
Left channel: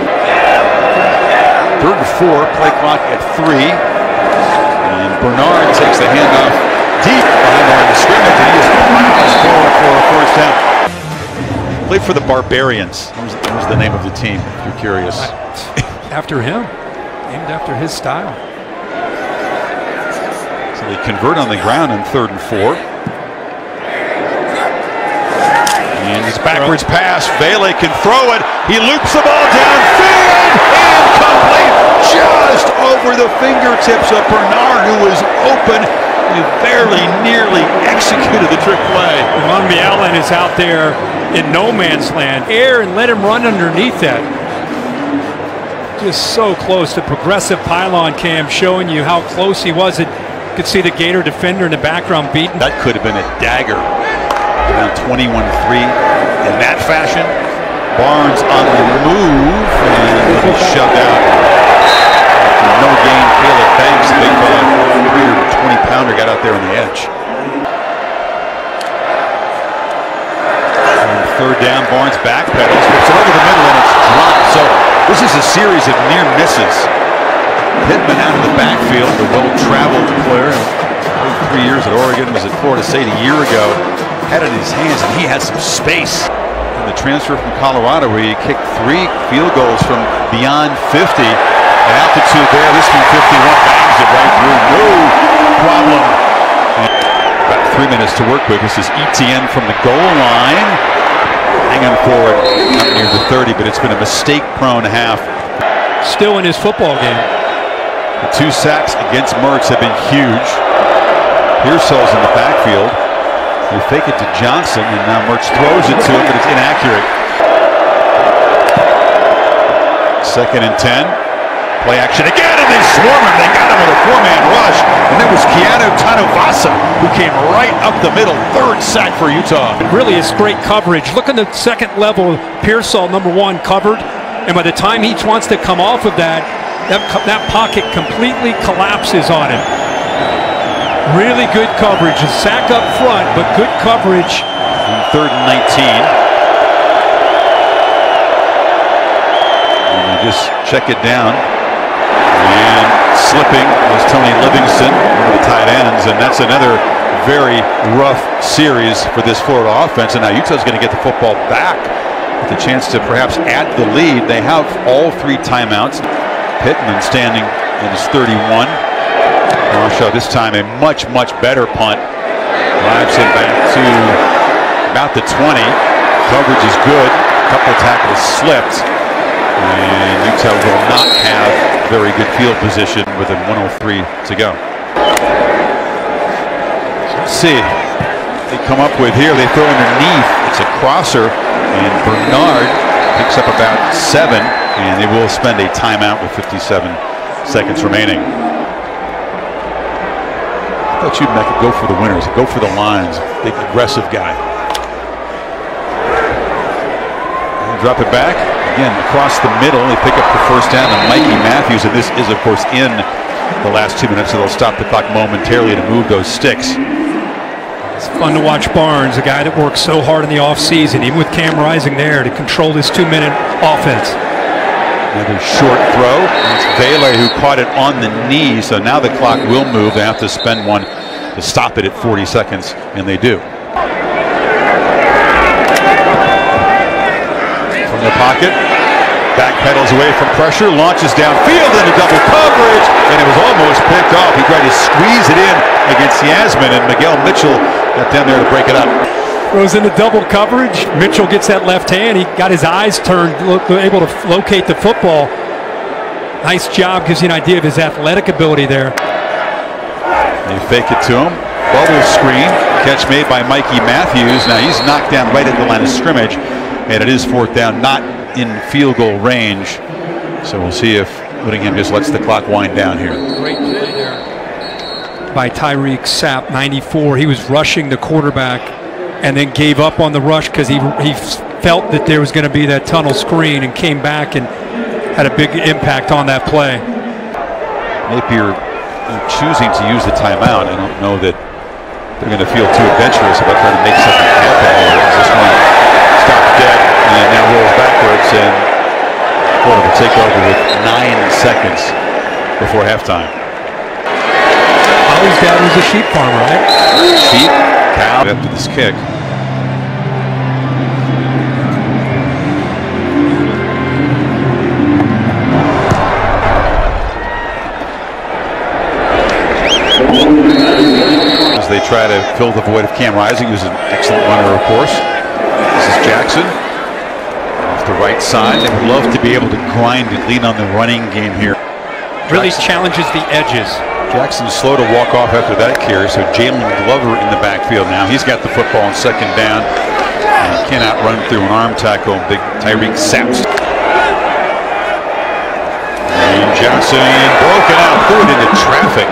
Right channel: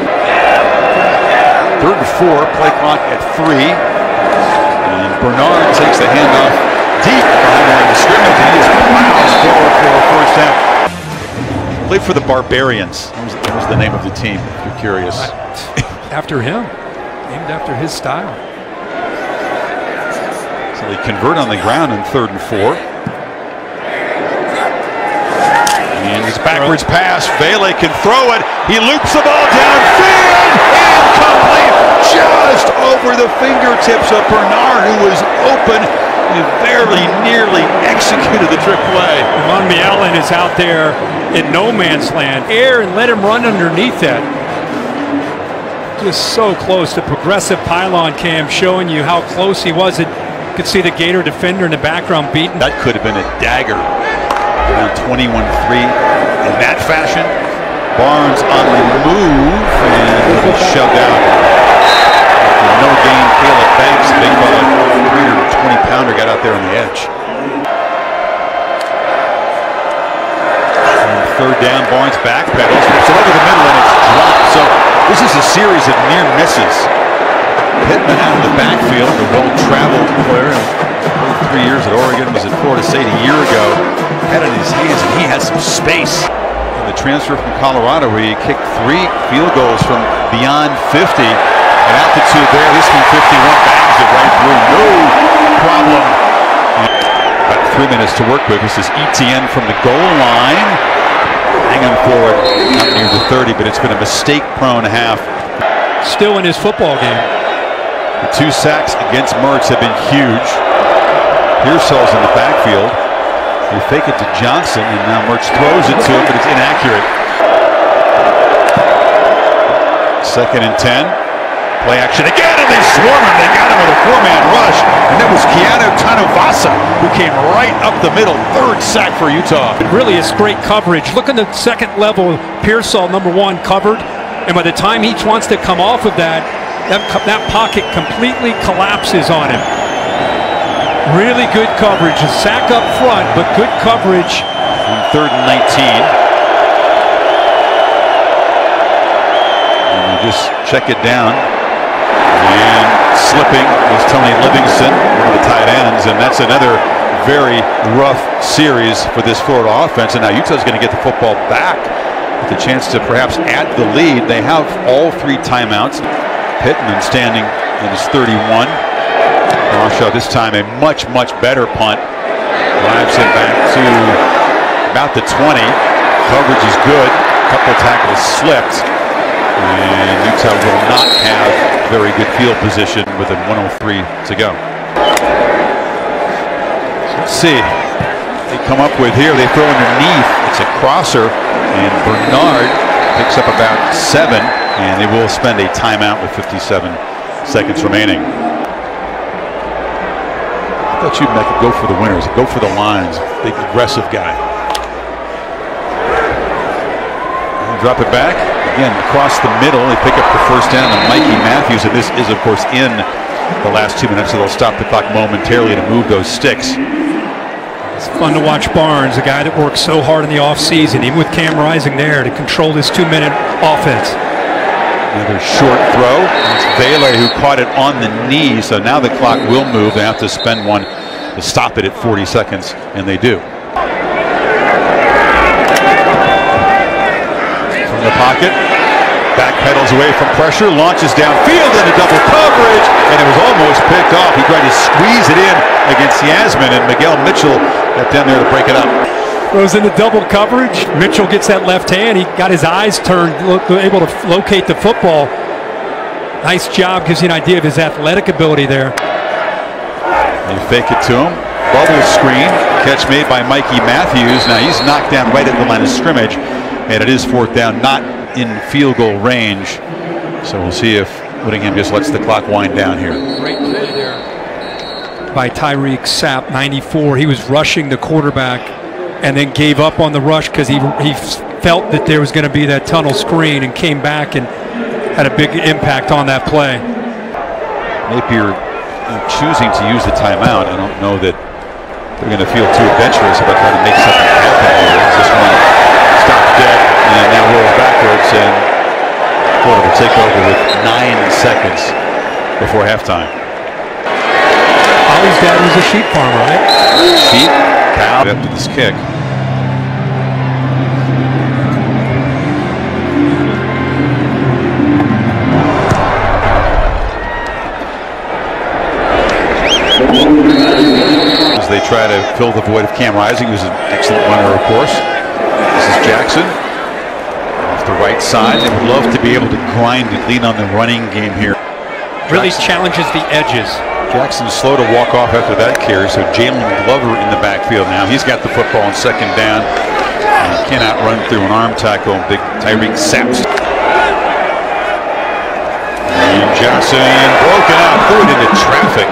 3rd and 4, play clock at 3. And Bernard takes the handoff deep behind the line of scrimmage, and he just plows forward for a first down. Played for the Barbarians. That was the name of the team, if you're curious. After him. Named after his style. So they convert on the ground in 3rd and 4. And it's backwards pass. Vele can throw it. He loops the ball downfield. Incomplete. Just over the fingertips of Bernard, who was open. He very nearly executed the trick play. Monmielen is out there in no man's land. Air and let him run underneath that. Just so close. The progressive pylon cam showing you how close he was. You could see the Gator defender in the background beaten. That could have been a dagger. Around 21-3 in that fashion. Barnes on the move, and he'll be shoved out. After no gain, Caleb Banks, big fella, 320-pounder, got out there on the edge. And 3rd down, Barnes backpedals, flips it over the middle, and it's dropped. So this is a series of near misses. Pittman out of the backfield, the well-traveled player, played 3 years at Oregon, was at Florida State a year ago, had it in his hands, and he had some space. And the transfer from Colorado, where he kicked 3 field goals from beyond 50. An altitude there, this from 51 bangs it right through, no problem. And about 3 minutes to work with. This is Etienne from the goal line. Hanging forward, not near the 30, but it's been a mistake-prone half. Still in his football game. The 2 sacks against Mertz have been huge. Pearsall's in the backfield. They fake it to Johnson, and now Mertz throws it to him, but it's inaccurate. 2nd and 10. Play action again, and they swarm him. They got him with a 4-man rush, and that was Keanu Tanuvasa, who came right up the middle. 3rd sack for Utah. It really is great coverage. Look in the 2nd level. Pearsall, number 1, covered, and by the time he wants to come off of that pocket completely collapses on him. Really good coverage. A sack up front, but good coverage. 3rd and 19. And they just check it down. And slipping was Tony Livingston, one of the tight ends, and that's another very rough series for this Florida offense. And now Utah's going to get the football back with a chance to perhaps add the lead. They have all 3 timeouts. Pittman standing at his 31. Crawshaw this time a much better punt. Drives him back to about the 20. Coverage is good. A couple tackles slipped. And Utah will not have very good field position with a 1:03 to go. So let's see what they come up with here. They throw underneath. It's a crosser, and Bernard picks up about 7, and they will spend a timeout with 57 seconds remaining. I thought you'd make it go for the winners, go for the lines. Big aggressive guy. And drop it back. Again, across the middle, they pick up the first down, and Mikey Matthews, and this is, of course, in the last 2 minutes, so they'll stop the clock momentarily to move those sticks. It's fun to watch Barnes, a guy that works so hard in the offseason, even with Cam Rising there, to control this 2-minute offense. Another short throw. It's Vele who caught it on the knee, so now the clock will move. They have to spend one to stop it at 40 seconds, and they do. From the pocket, backpedals away from pressure, launches downfield into double coverage, and it was almost picked off. He tried to squeeze it in against Yasmin, and Miguel Mitchell got down there to break it up. Goes into double coverage. Mitchell gets that left hand. He got his eyes turned, able to locate the football. Nice job. Gives you an idea of his athletic ability there. They fake it to him. Bubble screen. Catch made by Mikey Matthews. Now he's knocked down right at the line of scrimmage, and it is fourth down, not in field goal range. So we'll see if Whittingham just lets the clock wind down here. Great play there by Tyreek Sapp, 94. He was rushing the quarterback and then gave up on the rush because he felt that there was going to be that tunnel screen, and came back and had a big impact on that play. Napier choosing to use the timeout. I don't know that they're going to feel too adventurous about trying to make something happen here. This one stops dead and now rolls backwards, and Florida will take over with 9 seconds before halftime. Ollie's dad was a sheep farmer, right? Sheep, cow, after this kick. As they try to fill the void of Cam Rising, who's an excellent runner, of course. This is Jackson off the right side. They would love to be able to grind and lean on the running game here. Really challenges the edges. Jackson's slow to walk off after that carry, so Jalen Glover in the backfield now. He's got the football on second down, and he cannot run through an arm tackle. Big Tyreek Sapp. And Johnson broken out, threw it into traffic.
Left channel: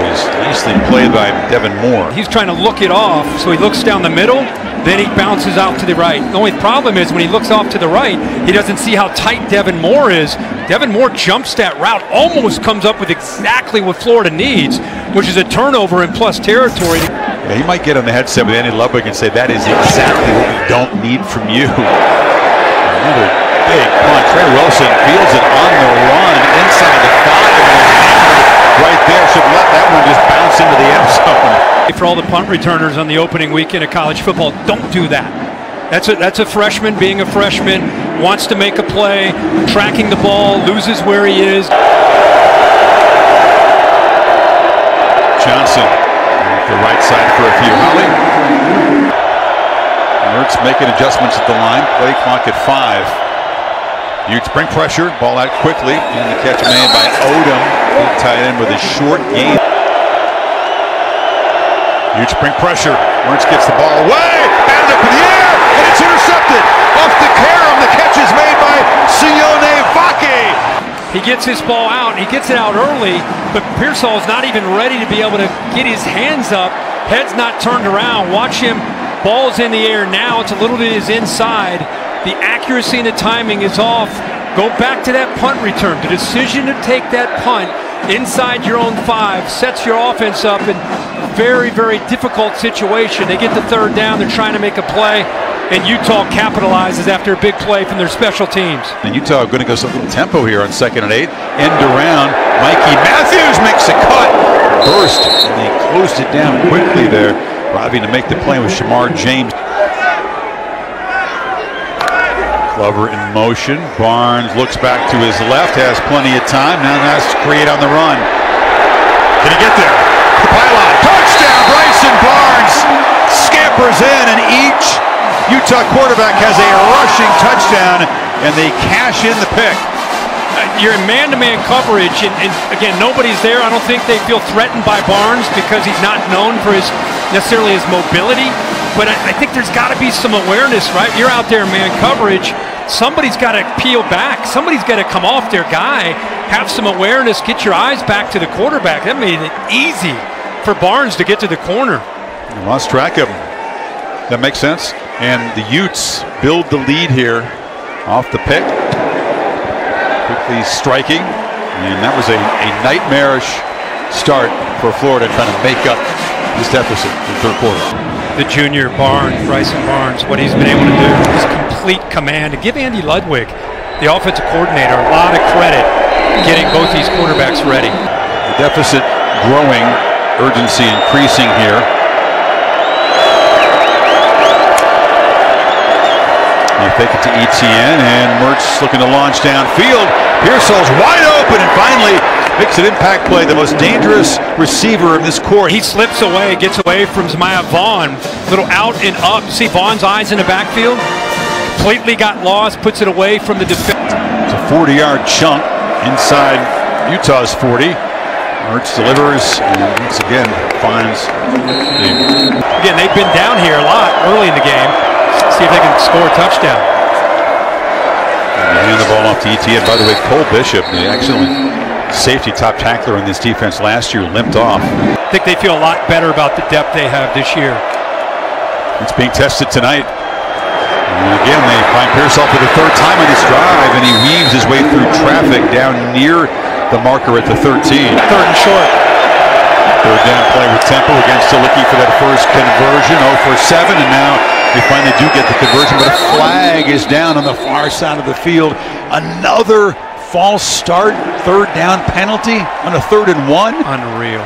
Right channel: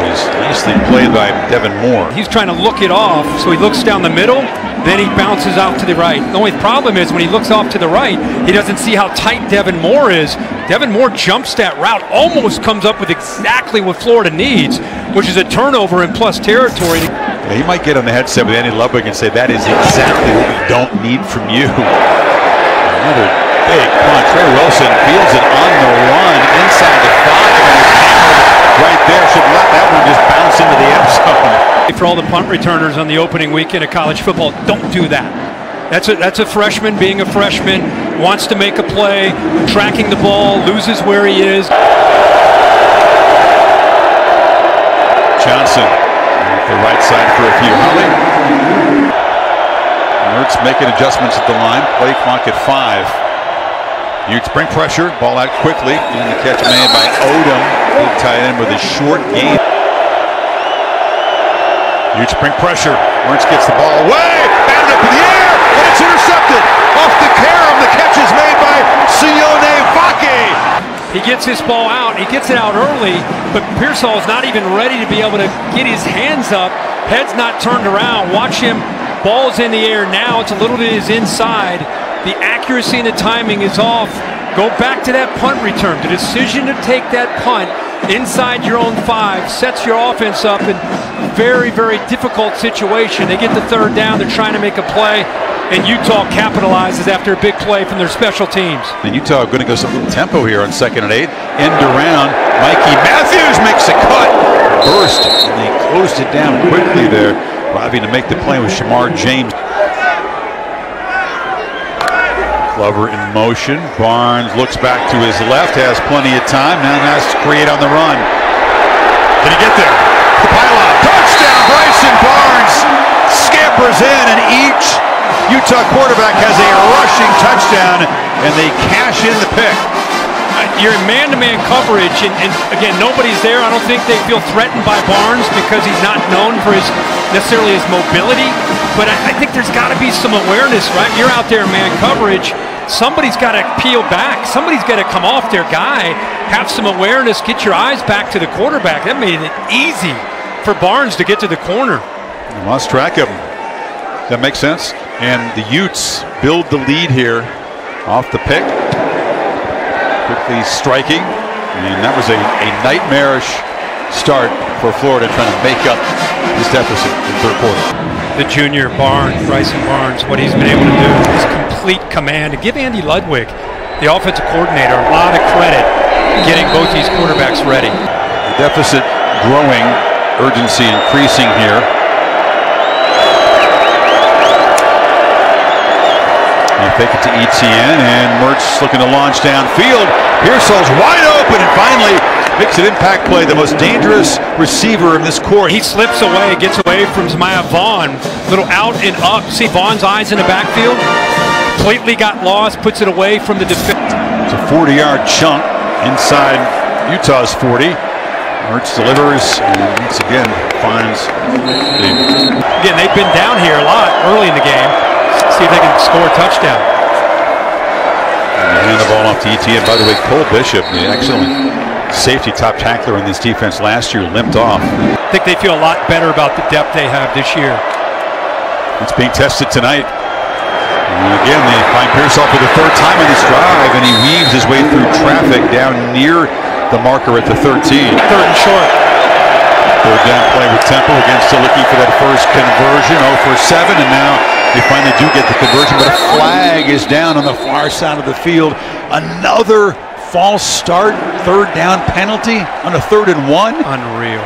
It was nicely played by Devin Moore. He's trying to look it off, so he looks down the middle, then he bounces out to the right. The only problem is when he looks off to the right, he doesn't see how tight Devin Moore is. Devin Moore jumps that route, almost comes up with exactly what Florida needs, which is a turnover in plus territory. Yeah, he might get on the headset with Andy Lubbock and say, that is exactly what we don't need from you. Another big punt. Trey Wilson fields it on the run inside the 5 and is hammered right there. Should let that one just bounce into the end zone. For all the punt returners on the opening weekend of college football, don't do that. That's a freshman being a freshman, wants to make a play, tracking the ball, loses where he is. Johnson off the right side for a few. Holly. Mertz making adjustments at the line. Play clock at 5. Utes bring pressure, ball out quickly, and the catch made by Odom. Big tight end with a short gain. Utes bring pressure. Mertz gets the ball away, batted up in the air, and it's intercepted off the carom. The catch is made by Sione Vake. He gets his ball out. He gets it out early, but Pearsall is not even ready to be able to get his hands up. Head's not turned around. Watch him. Ball's in the air now. It's a little bit is inside. The accuracy and the timing is off. Go back to that punt return. The decision to take that punt inside your own 5 sets your offense up in a very, very difficult situation. They get the third down. They're trying to make a play, and Utah capitalizes after a big play from their special teams. And Utah are going to go some little tempo here on 2nd and 8. End around. Mikey Matthews makes a cut. Burst, and they closed it down quickly there. Arriving to make the play with Shamar James. Glover in motion. Barnes looks back to his left, has plenty of time. Now has to create on the run. Can he get there? The pylon. Touchdown, Bryson Barnes scampers in, and each Utah quarterback has a rushing touchdown, and they cash in the pick. You're in man-to-man coverage, and again, nobody's there. I don't think they feel threatened by Barnes because he's not known for necessarily his mobility. But I think there's got to be some awareness, right? You're out there in man coverage. Somebody's got to peel back. Somebody's got to come off their guy, have some awareness, get your eyes back to the quarterback. That made it easy for Barnes to get to the corner. They lost track of him. Does that make sense? And the Utes build the lead here off the pick. Quickly striking. And that was a nightmarish start for Florida, trying to make up this deficit in the third quarter. The junior Bryson Barnes, what he's been able to do, his complete command, to give Andy Ludwig the offensive coordinator, a lot of credit getting both these quarterbacks ready. The deficit growing, urgency increasing here. They fake it to Etienne, and Mertz looking to launch downfield. Pearsall's wide open and finally makes an impact play, the most dangerous receiver in this court. He slips away, gets away from Zamiah Vaughn. Little out and up. See Vaughn's eyes in the backfield? Completely got lost, puts it away from the defense. It's a 40-yard chunk inside Utah's 40. Mertz delivers and once again finds the... Again, they've been down here a lot early in the game. See if they can score a touchdown. And they hand the ball off to Etienne. By the way, Cole Bishop, the excellent safety top tackler in this defense last year, limped off. I think they feel a lot better about the depth they have this year. It's being tested tonight. And again, they find Pearsall for the third time on this drive, and he weaves his way through traffic down near the marker at the 13. Third and short. Third down play with Temple again, still looking for that first conversion. 0 for 7, and now they finally do get the conversion, but a flag is down on the far side of the field. Another false start, third down penalty on a 3rd and 1. Unreal.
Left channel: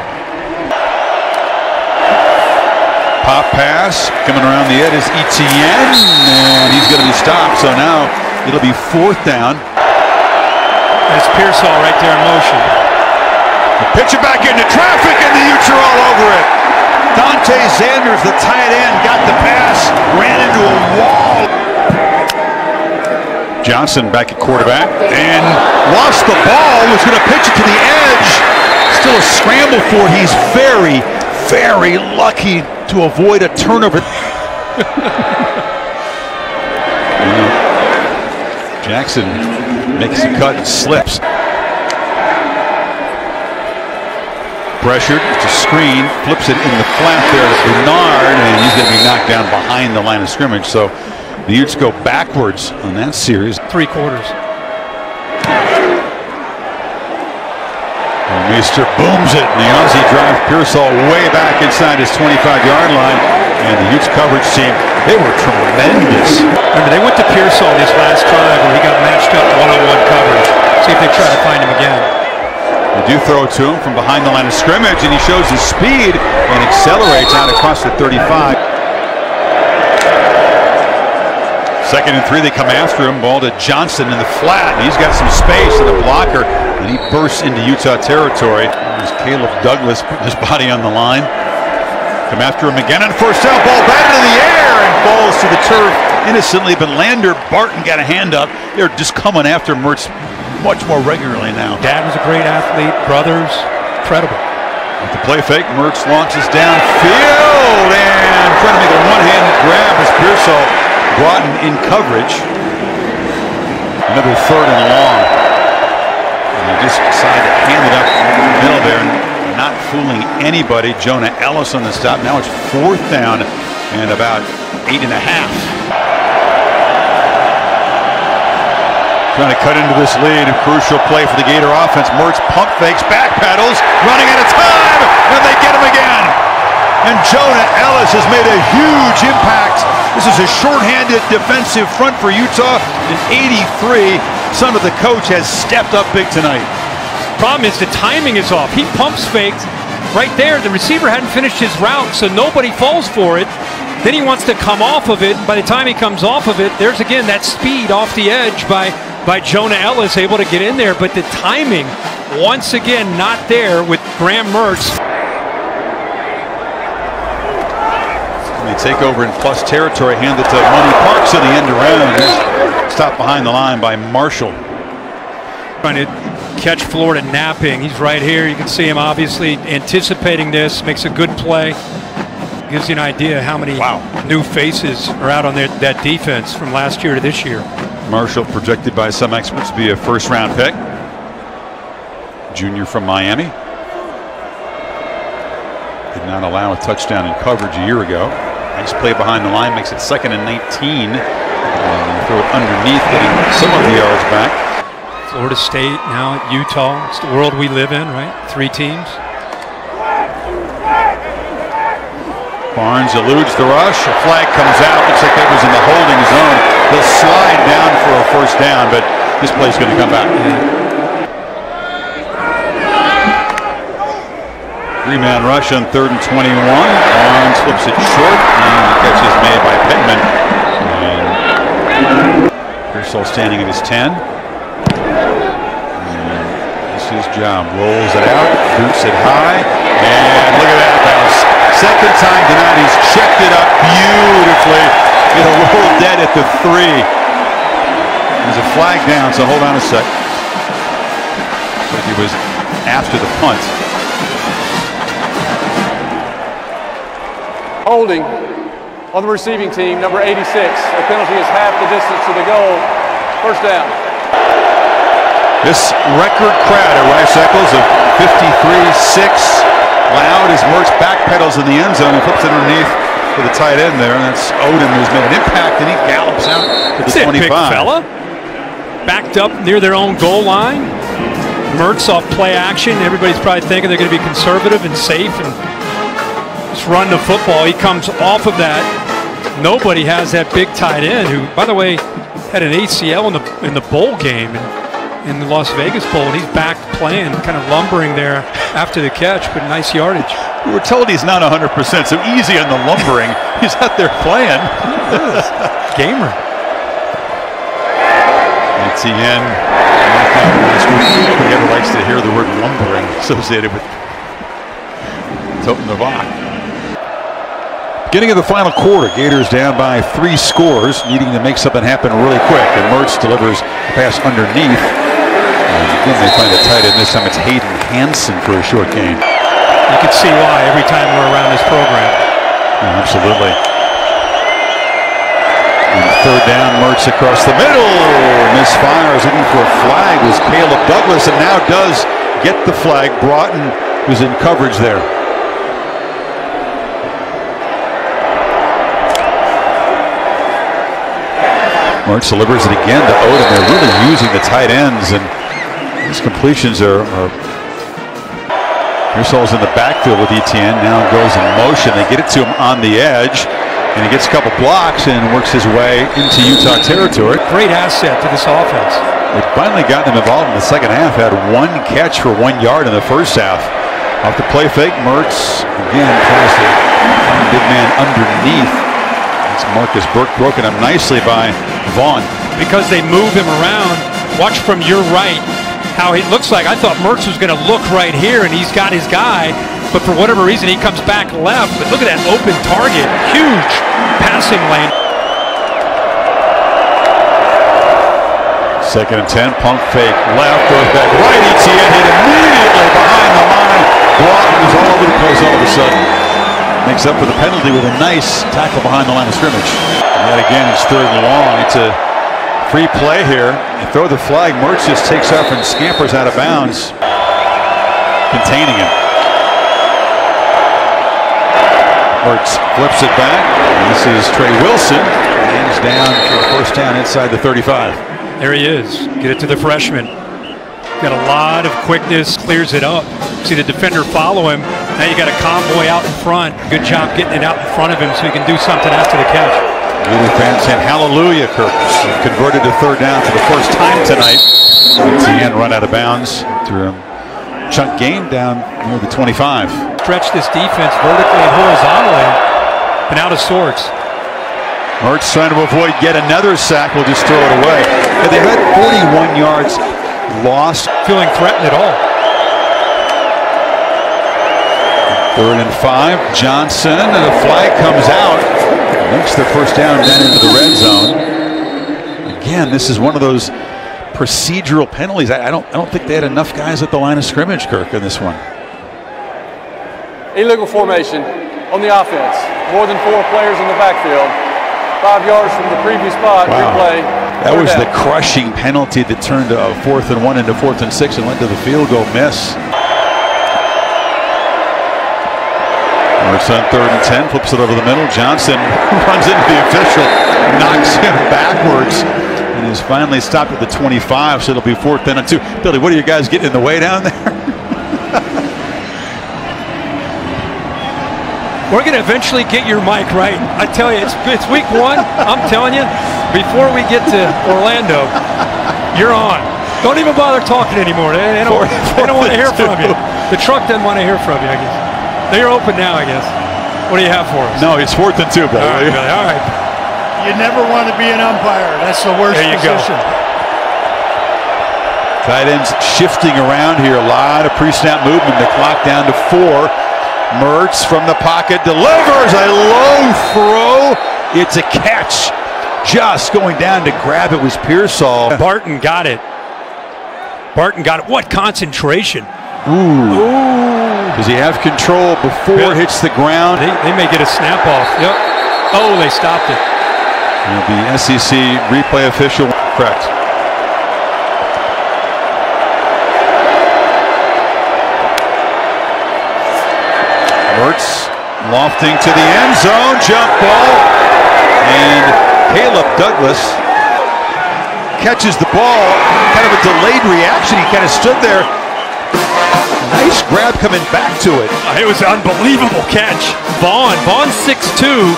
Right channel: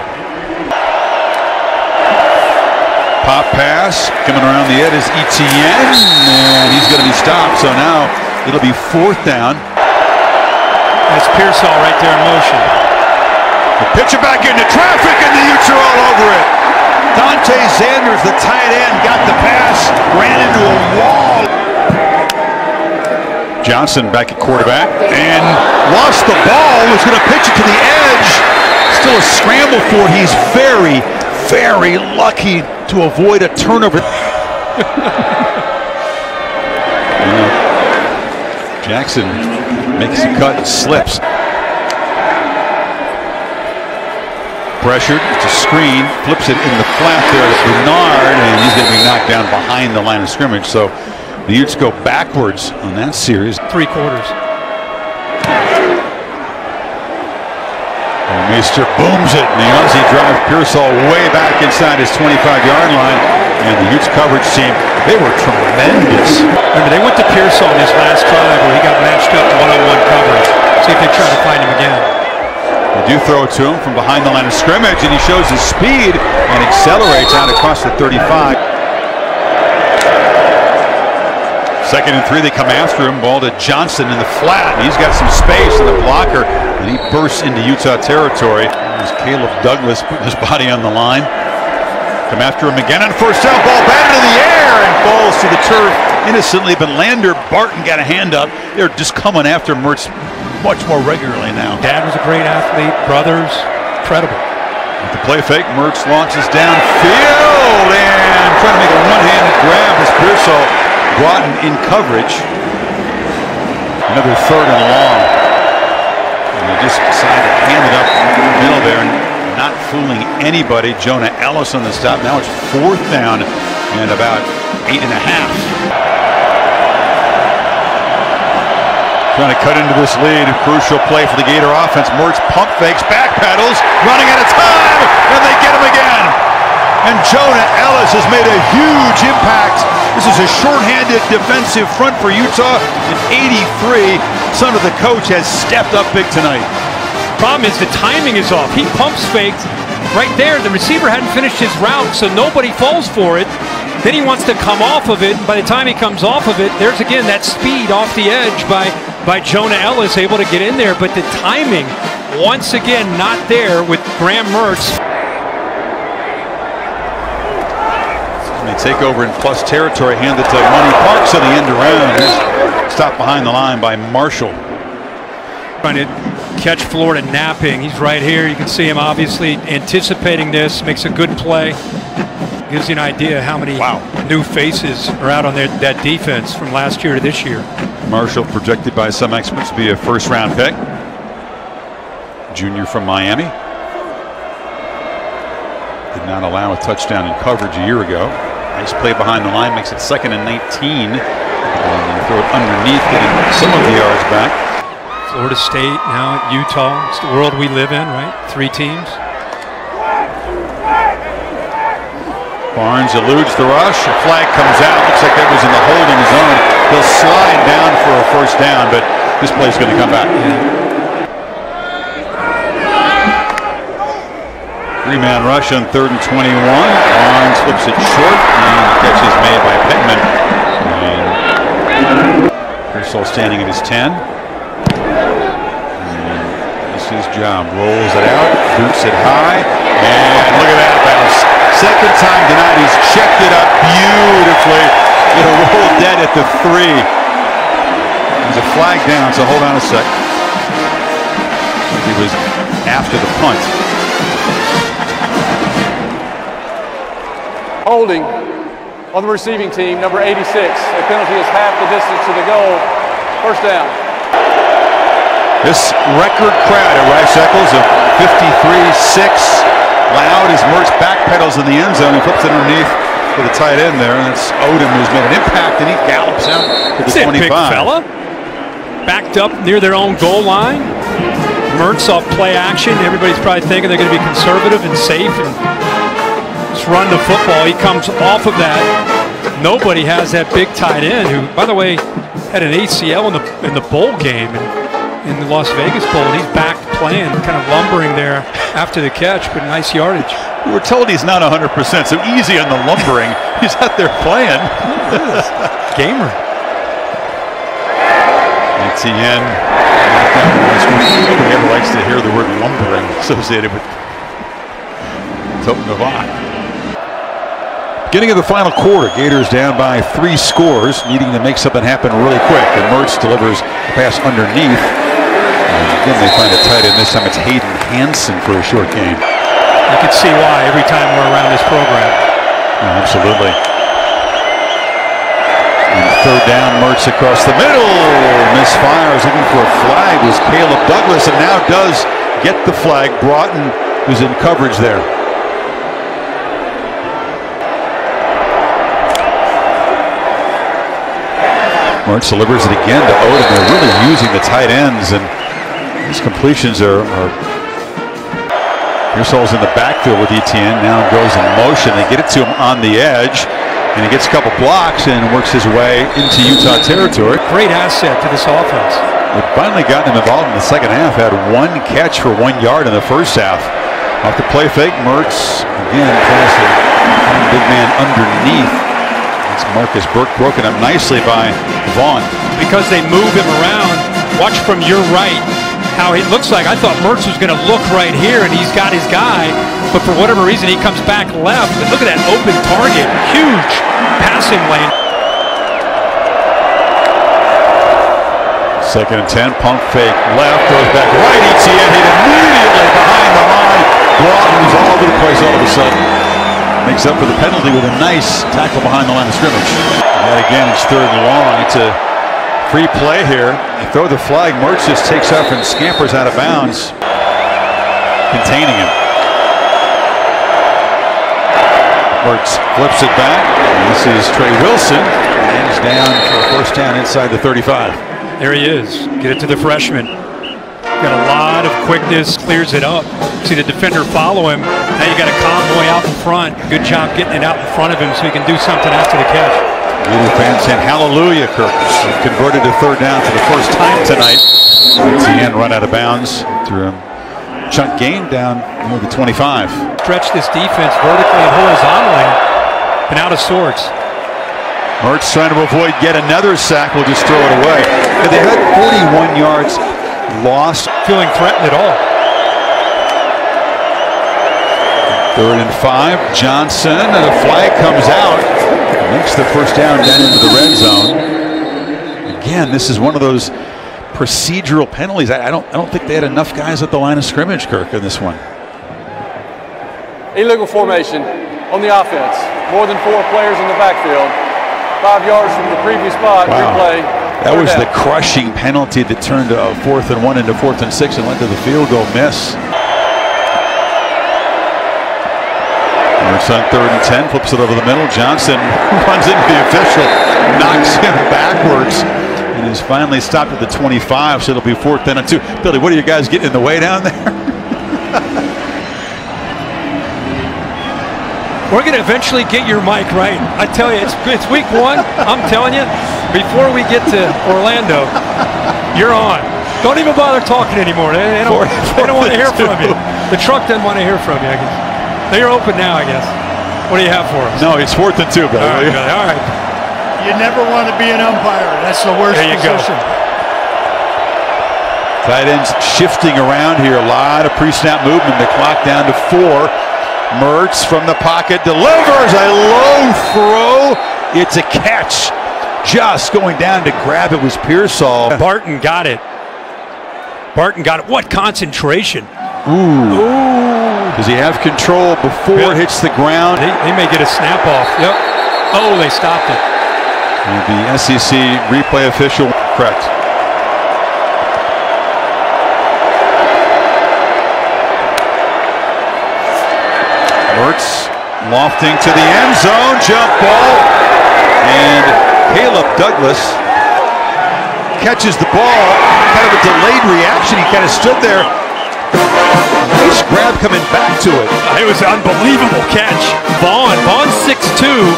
Pop pass coming around the edge is Etienne, and he's going to be stopped. So now it'll be 4th down. That's Pearsall right there in motion. The pitch it back into traffic, and the Utes are all over it. Dante Sanders, the tight end, got the pass, ran into a wall. Johnson back at quarterback and lost the ball. Was going to pitch it to the edge. Still a scramble for it. He's very, very lucky to avoid a turnover. Jackson makes the cut and slips. Pressured, it's a screen, flips it in the flat there to Bernard, and he's going to be knocked down behind the line of scrimmage. So the Utes go backwards on that series. 3 quarters. Meister booms it, and the Aussie drives Pearsall way back inside his 25-yard line, and the Utes coverage team, they were tremendous. Remember, they went to Pearsall in his last drive where he got matched up one-on-one coverage. See if they try to find him again. They do throw it to him from behind the line of scrimmage, and he shows his speed and accelerates out across the 35. 2nd and 3, they come after him. Ball to Johnson in the flat, and he's got some space in the blocker, and he bursts into Utah territory. There's Caleb Douglas putting his body on the line. Come after him again on 1st down. Ball batted in the air and falls to the turf innocently, but Lander Barton got a hand up. They're just coming after Mertz much more regularly now. Dad was a great athlete, brothers, incredible. With the play fake, Mertz launches downfield and trying to make a one-handed grab as Pearsall brought in coverage. Another 3rd and long. And they just decide to hand it up in the middle there, and not fooling anybody. Jonah Ellis on the stop. Now it's 4th down and about 8.5. Trying to cut into this lead. A crucial play for the Gator offense. Mertz pump fakes, backpedals, running out of time, and they get him again. And Jonah Ellis has made a huge impact. This is a shorthanded defensive front for Utah. And 83, son of the coach, has stepped up big tonight. Problem is the timing is off. He pumps faked right there. The receiver hadn't finished his route, so nobody falls for it. Then he wants to come off of it. By the time he comes off of it, there's again that speed off the edge by Jonah Ellis, able to get in there. But the timing, once again, not there with Graham Mertz. And they take over in plus territory, hand it to Money Parks on the end around. Stopped behind the line by Marshall. Trying to catch Florida napping. He's right here. You can see him obviously anticipating this. Makes a good play. Gives you an idea how many new faces are out on that defense from last year to this year. Marshall projected by some experts to be a 1st-round pick. Junior from Miami. Did not allow a touchdown in coverage a year ago. Nice play behind the line, makes it 2nd and 19. And you throw it underneath, getting some of the yards back. Florida State now at Utah. It's the world we live in, right? 3 teams. Barnes eludes the rush. A flag comes out. Looks like that was in the holding zone. He'll slide down for a 1st down, but this play's going to come back. Three-man rush on 3rd and 21. Barnes flips it short, and the catch is made by Pittman. And Pearsall standing at his 10. And this is his job. Rolls it out, boots it high, and look at that bounce. Second time tonight, he's checked it up beautifully. It'll roll dead at the 3. There's a flag down, so hold on a sec. So he was after the punt. Holding on the receiving team, number 86. A penalty is half the distance to the goal. First down. This record crowd at Rice Eccles of 53-6. Loud as Mertz backpedals in the end zone and flips it underneath for the tight end there. And that's Odom, who's made an impact, and he gallops out to the 25. Big fella. Backed up near their own goal line. Mertz off play action. Everybody's probably thinking they're going to be conservative and safe and just run the football. He comes off of that. Nobody has that big tight end who, by the way, had an ACL in the bowl game in the Las Vegas Bowl, and he's back playing, kind of lumbering there after the catch, but nice yardage. We were told he's not 100%, so easy on the lumbering. He's out there playing. Gamer. Etienne knocked out last week. Nobody ever likes to hear the word lumbering associated with Toten Novak. Beginning of the final quarter, Gators down by 3 scores, needing to make something happen really quick. And Mertz delivers a pass underneath. And again, they find a tight end. This time it's Hayden Hansen for a short gain. You can see why every time we're around this program. Yeah, absolutely. And 3rd down, Mertz across the middle. Misfires, looking for a flag, was Caleb Douglas, and now does get the flag. Broughton, who's in coverage there. Mertz delivers it again to Odom. They're really using the tight ends, and these completions are Pearsall's in the backfield with Etienne. Now goes in motion. They get it to him on the edge, and he gets a couple blocks and works his way into Utah territory. Great asset to this offense. They've finally gotten him involved in the second half. Had 1 catch for 1 yard in the first half. Off the play fake, Mertz again tries to find the big man underneath. It's Marcus Burke, broken up nicely by Vaughn. Because they move him around, watch from your right how it looks like. I thought Mertz was going to look right here, and he's got his guy, but for whatever reason he comes back left. But look at that open target, huge passing lane. 2nd and 10, pump fake left, goes back right. Etienne hit immediately behind the line. Broughton's all over the place all of a sudden. Makes up for the penalty with a nice tackle behind the line of scrimmage. And yet again, it's 3rd and long. It's a free play here. They throw the flag. Mertz just takes off and scampers out of bounds, containing him. Mertz flips it back. And this is Trey Wilson. And he's down for a first down inside the 35. There he is. Get it to the freshman. Got a lot of quickness, clears it up. See the defender follow him. Now you got a convoy out in front. Good job getting it out in front of him so he can do something after the catch. Gator fans saying hallelujah, Kirk. Converted to 3rd down for the first time tonight. Etienne run out of bounds through a chunk gain down near the 25. Stretch this defense vertically and horizontally. Been out of sorts. Mertz trying to avoid yet another sack. Will just throw it away. They had 41 yards lost. Feeling threatened at all. 3rd and 5. Johnson, and a flag comes out. Makes the first down into the red zone. Again, this is one of those procedural penalties. I don't think they had enough guys at the line of scrimmage, Kirk, in this one. Illegal formation on the offense. More than 4 players in the backfield. 5 yards from the previous spot. Wow. Replay. That was the crushing penalty that turned a 4th and 1 into 4th and 6 and led to the field goal miss. Mertz on 3rd and 10, flips it over the middle. Johnson runs into the official, knocks him backwards, and is finally stopped at the 25, so it'll be 4th and 2. Billy, what are you guys getting in the way down there? We're going to eventually get your mic right. I tell you, it's week 1. I'm telling you, before we get to Orlando, You're on. Don't even bother talking anymore. They don't want to hear from you. The truck doesn't want to hear from you, I guess. They're open now, I guess. What do you have for us? No, it's 4th and 2, brother. All right. You never want to be an umpire. That's the worst position. Tight ends shifting around here. A lot of pre-snap movement. The clock down to 4. Mertz from the pocket delivers a low throw. It's a catch. Just going down to grab it was Pearsall. Barton got it. What concentration. Ooh. Does he have control before it hits the ground? They may get a snap off. Yep. Oh, they stopped it. The SEC replay official. Correct. Mertz lofting to the end zone. Jump ball. And Caleb Douglas catches the ball. Kind of a delayed reaction. He kind of stood there. Nice grab coming back to it. It was an unbelievable catch. Vaughn's 6'2".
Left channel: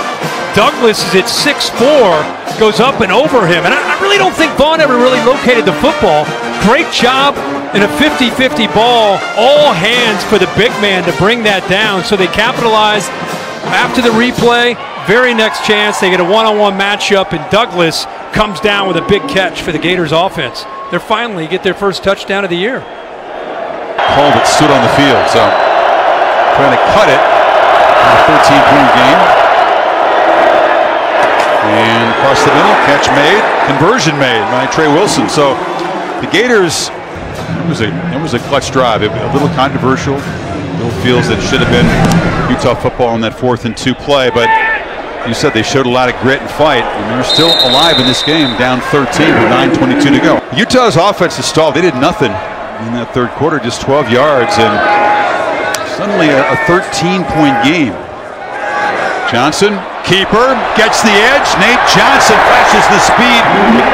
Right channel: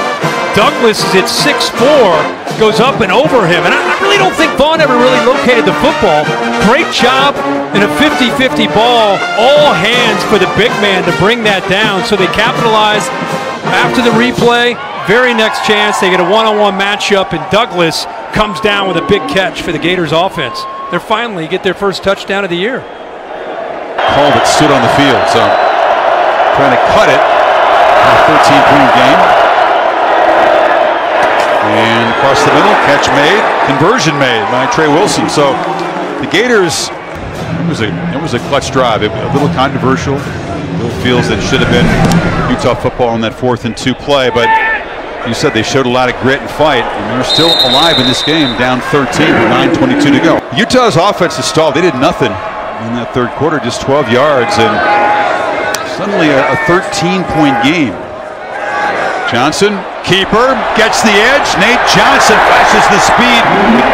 Douglas is at 6'4". Goes up and over him. And I really don't think Vaughn ever really located the football. Great job in a 50-50 ball. All hands for the big man to bring that down. So they capitalize after the replay. Very next chance, they get a one-on-one matchup, and Douglas comes down with a big catch for the Gators offense. They're finally get their first touchdown of the year. Hall that stood on the field, so trying to cut it in a 13-point game. And across the middle, catch made, conversion made by Trey Wilson. So the Gators, it was a clutch drive, a little controversial. Bill feels that it should have been Utah football in that 4th and 2 play, but you said they showed a lot of grit and fight, and they're still alive in this game, down 13 with 9:22 to go. Utah's offense is stalled. They did nothing in that third quarter, just 12 yards, and suddenly a 13-point game. Johnson, keeper, gets the edge. Nate Johnson flashes the speed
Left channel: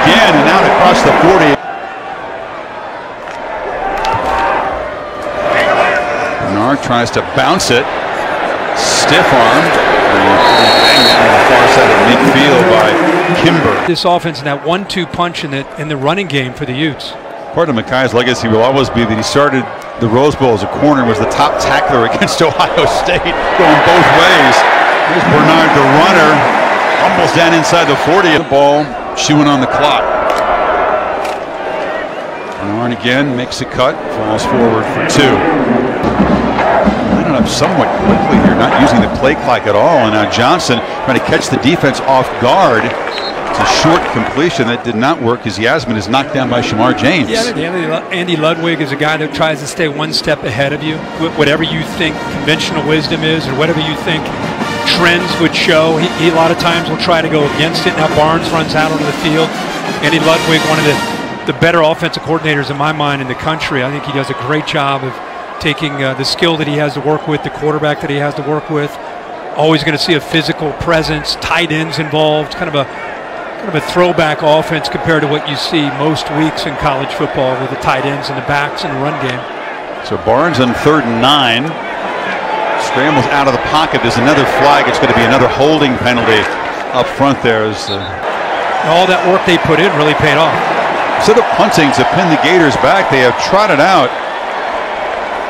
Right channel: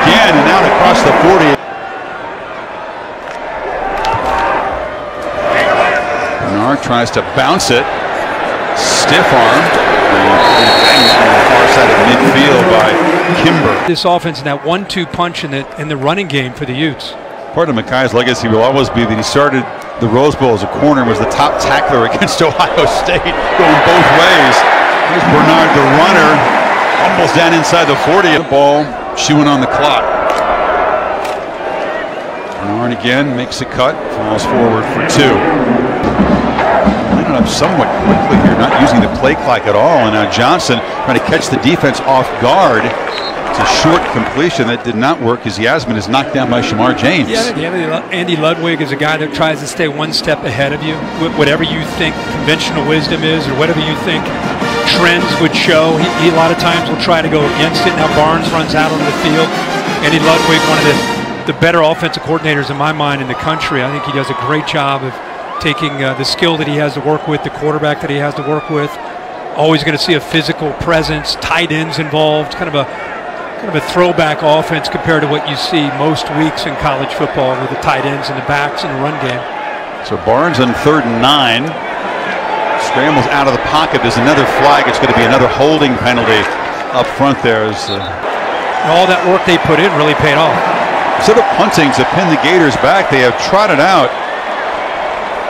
again and out across the 40. Bernard tries to bounce it. Stiff arm. Banged down on the far side of midfield by Kimber. This offense and that 1-2 punch in the running game for the Utes. Part of Makai's legacy will always be that he started the Rose Bowl as a corner and was the top tackler against Ohio State, going both ways. Here's Bernard, the runner, fumbles down inside the 40. The ball chewing on the clock. Bernard again makes a cut, falls forward for 2. Up somewhat quickly here, not using the play clock at all, and now Johnson trying to catch the defense off guard. It's a short completion that did not work as Yasmin is knocked down by Shamar James. Yeah, Andy Ludwig is a guy that tries to stay one step ahead of you. Whatever you think conventional wisdom is, or whatever you think trends would show, he a lot of times will try to go against it. Now Barnes runs out onto the field. Andy Ludwig, one of the better offensive coordinators in my mind in the country. I think he does a great job of taking the skill that he has to work with, the quarterback that he has to work with. Always going to see a physical presence, tight ends involved, kind of a throwback offense compared to what you see most weeks in college football with the tight ends and the backs and the run game. So Barnes on 3rd and 9. Scrambles out of the pocket. There's another flag. It's going to be another holding penalty up front there. All that work they put in really paid off. Instead of punting to pin the Gators back, they have trotted out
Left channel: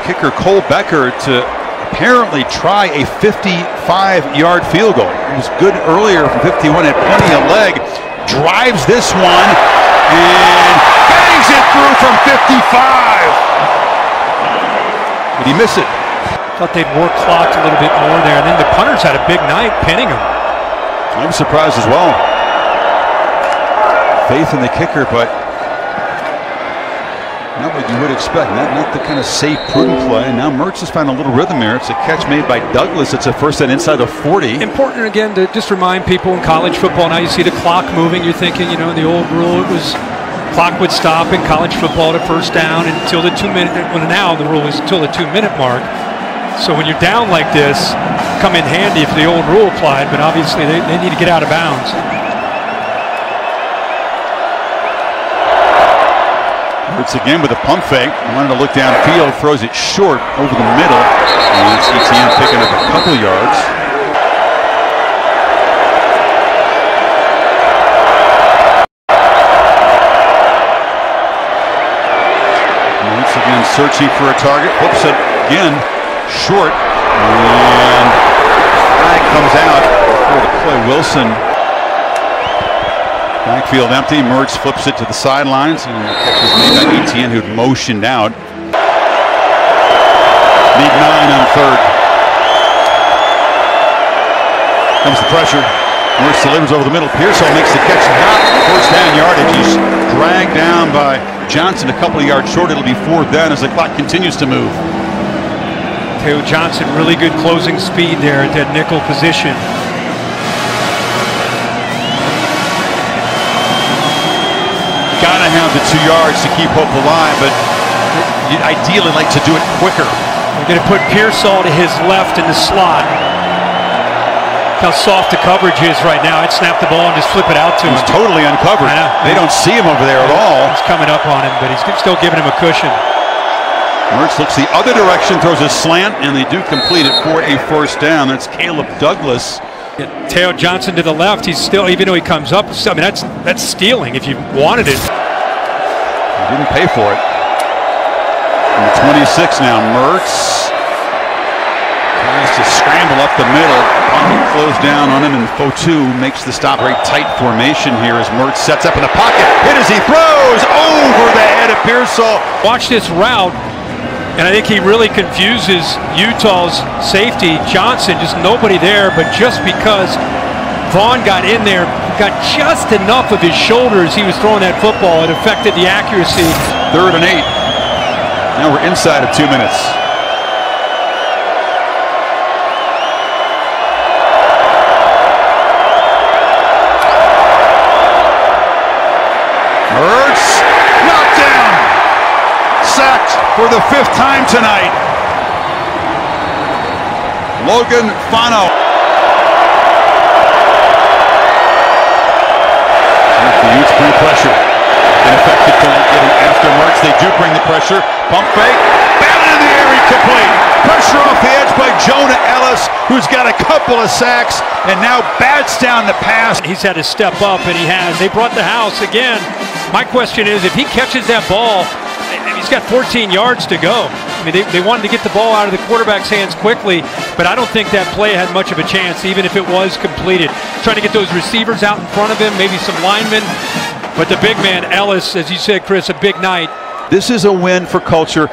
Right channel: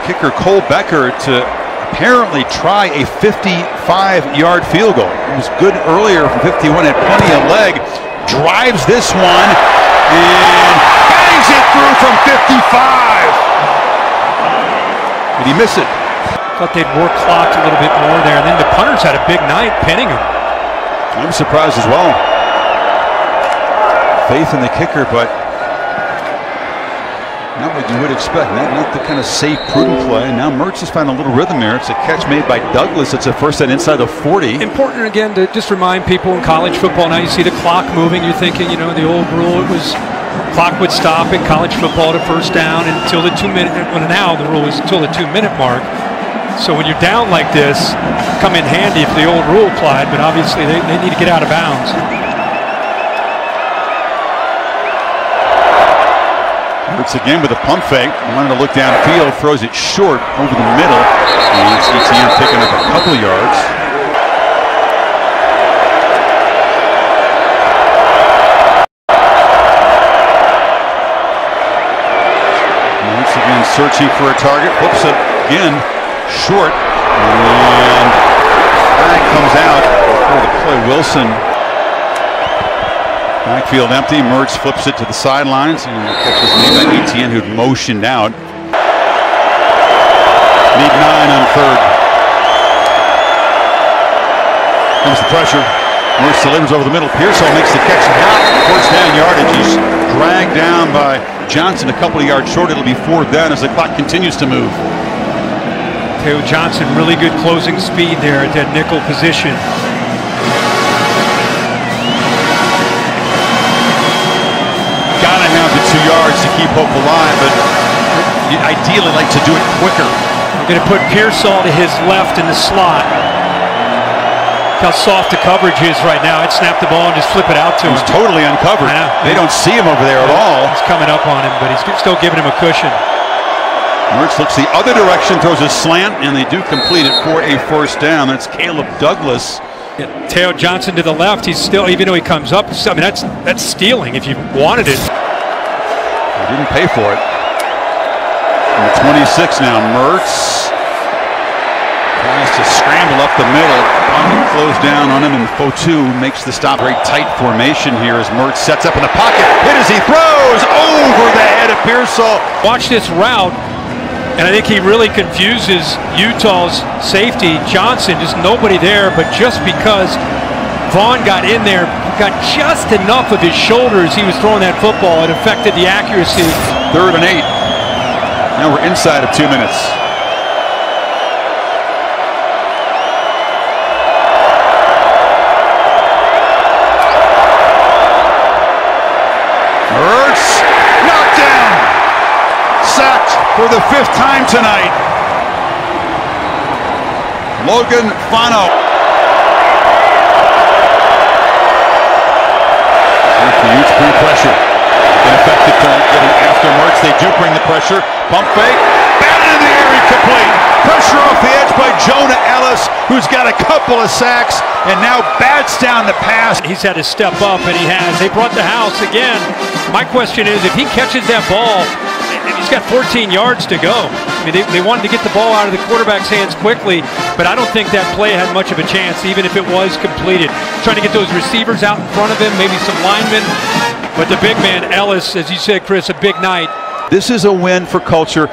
kicker Cole Becker to apparently try a 55-yard field goal. It was good earlier from 51, had plenty of leg, drives this one, and bangs it through from 55. Did he miss it? Thought they'd work clocked a little bit more there, and then the punters had a big night pinning him. I'm surprised as well. Faith in the kicker, but not what you would expect. Not the kind of safe, prudent play. Now Mertz has found a little rhythm there. It's a catch made by Douglas. It's a first down inside the 40. Important again to just remind people in college football. Now you see the clock moving. You're thinking, the old rule, it was clock would stop in college football at first down until the 2-minute. Well, now the rule is until the 2-minute mark. So when you're down like this, come in handy if the old rule applied. But obviously they need to get out of bounds. Mertz again with a pump fake. Wanted to look downfield, throws it short over the middle. And it's ETN picking up a couple yards. searching for a target, flips it again, short, and flag comes out before the play. Wilson, backfield empty. Mertz flips it to the sidelines, and the catch is made by Etienne, who'd motioned out. Need 9 on third. Comes the pressure. Mertz delivers over the middle. Pearsall makes the catch, not first down yardage. He's dragged down by Johnson a couple of yards short. It'll be 4th down as the clock continues to move. Teo Johnson, really good closing speed there at that nickel position. Gotta have the 2 yards to keep hope alive, but you'd ideally like to do it quicker. They're going to put Pearsall to his left in the slot. Look how soft the coverage is right now. I'd snap the ball and just flip it out to him. He's totally uncovered. I know. They don't see him over there at all. He's coming up on him, but he's still giving him a cushion. Mertz looks the other direction, throws a slant, and they do complete it for a first down. That's Caleb Douglas. Teo Johnson to the left. He's still, even though he comes up, I mean, that's stealing if you wanted it. He didn't pay for it. And the 26 now, Mertz tries to scramble up the middle. Pocket closed down on him, and Fotu makes the stop. Very tight formation here as Mertz sets up in the pocket. Hit as he throws over the head of Pearsall. Watch this route, and I think he really confuses Utah's safety, Johnson. Just nobody there, but just because Vaughn got in there, got just enough of his shoulders, he was throwing that football. It affected the accuracy. 3rd and 8. Now we're inside of 2 minutes. Mertz knocked down. Sacked for the 5th time tonight. Logan Fano. The Utes bring pressure. Been effective tonight getting after Mertz. They do bring the pressure. Pump fake. Batted in the air, incomplete. Pressure off the edge by Jonah Ellis, who's got a couple of sacks and now bats down the pass. He's had to step up, and he has. They brought the house again. My question is, if he catches that ball, he's got 14 yards to go. I mean, they wanted to get the ball out of the quarterback's hands quickly, but I don't think that play had much of a chance, even if it was completed. Trying to get those receivers out in front of him, maybe some linemen. But the big man, Ellis, as you said, Chris, a big night. This is a win for culture,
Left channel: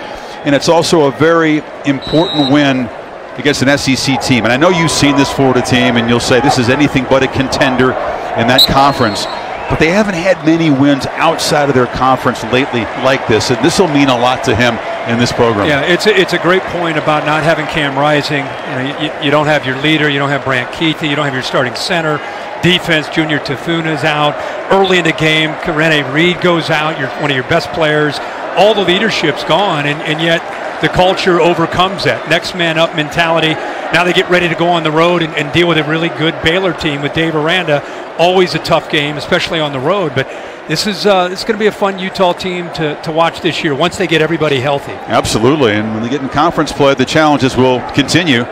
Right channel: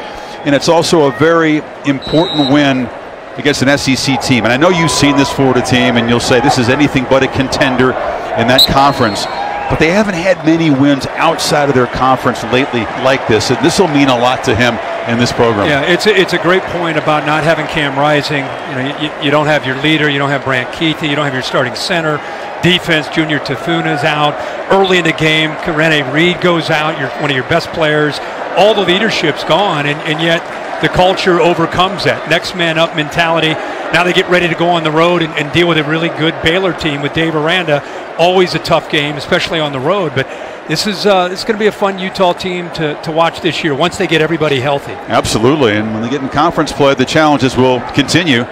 and it's also a very important win against an SEC team. And I know you've seen this Florida team, and you'll say this is anything but a contender in that conference. But they haven't had many wins outside of their conference lately like this, and this will mean a lot to him in this program. Yeah, it's a great point about not having Cam Rising. You know, you don't have your leader, you don't have Brant Keithy, you don't have your starting center. Defense, Junior Tafuna's out. Early in the game, Rene Reed goes out, one of your best players. All the leadership's gone, and yet the culture overcomes that. Next man up mentality. Now they get ready to go on the road and deal with a really good Baylor team with Dave Aranda. Always a tough game, especially on the road. But this is it's going to be a fun Utah team to watch this year once they get everybody healthy. Absolutely, and when they get in conference play, the challenges will continue.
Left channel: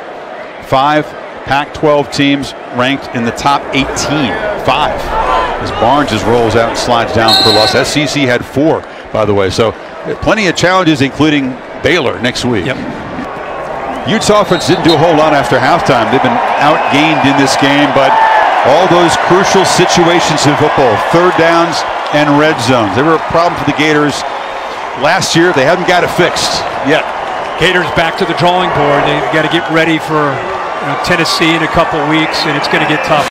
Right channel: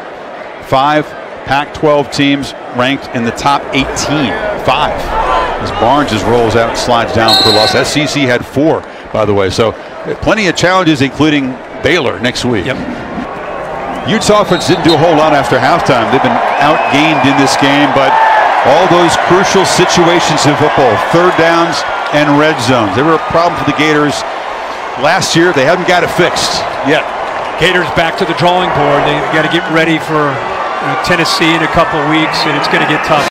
5 Pac-12 teams ranked in the top 18. 5. As Barnes just rolls out and slides down for loss. SEC had 4, by the way. So plenty of challenges, including Baylor next week. Yep. Utes offense didn't do a whole lot after halftime. They've been outgained in this game, but all those crucial situations in football, 3rd downs and red zones, they were a problem for the Gators last year. They haven't got it fixed yet. Gators back to the drawing board. They got to get ready for Tennessee in a couple weeks, and it's going to get tough.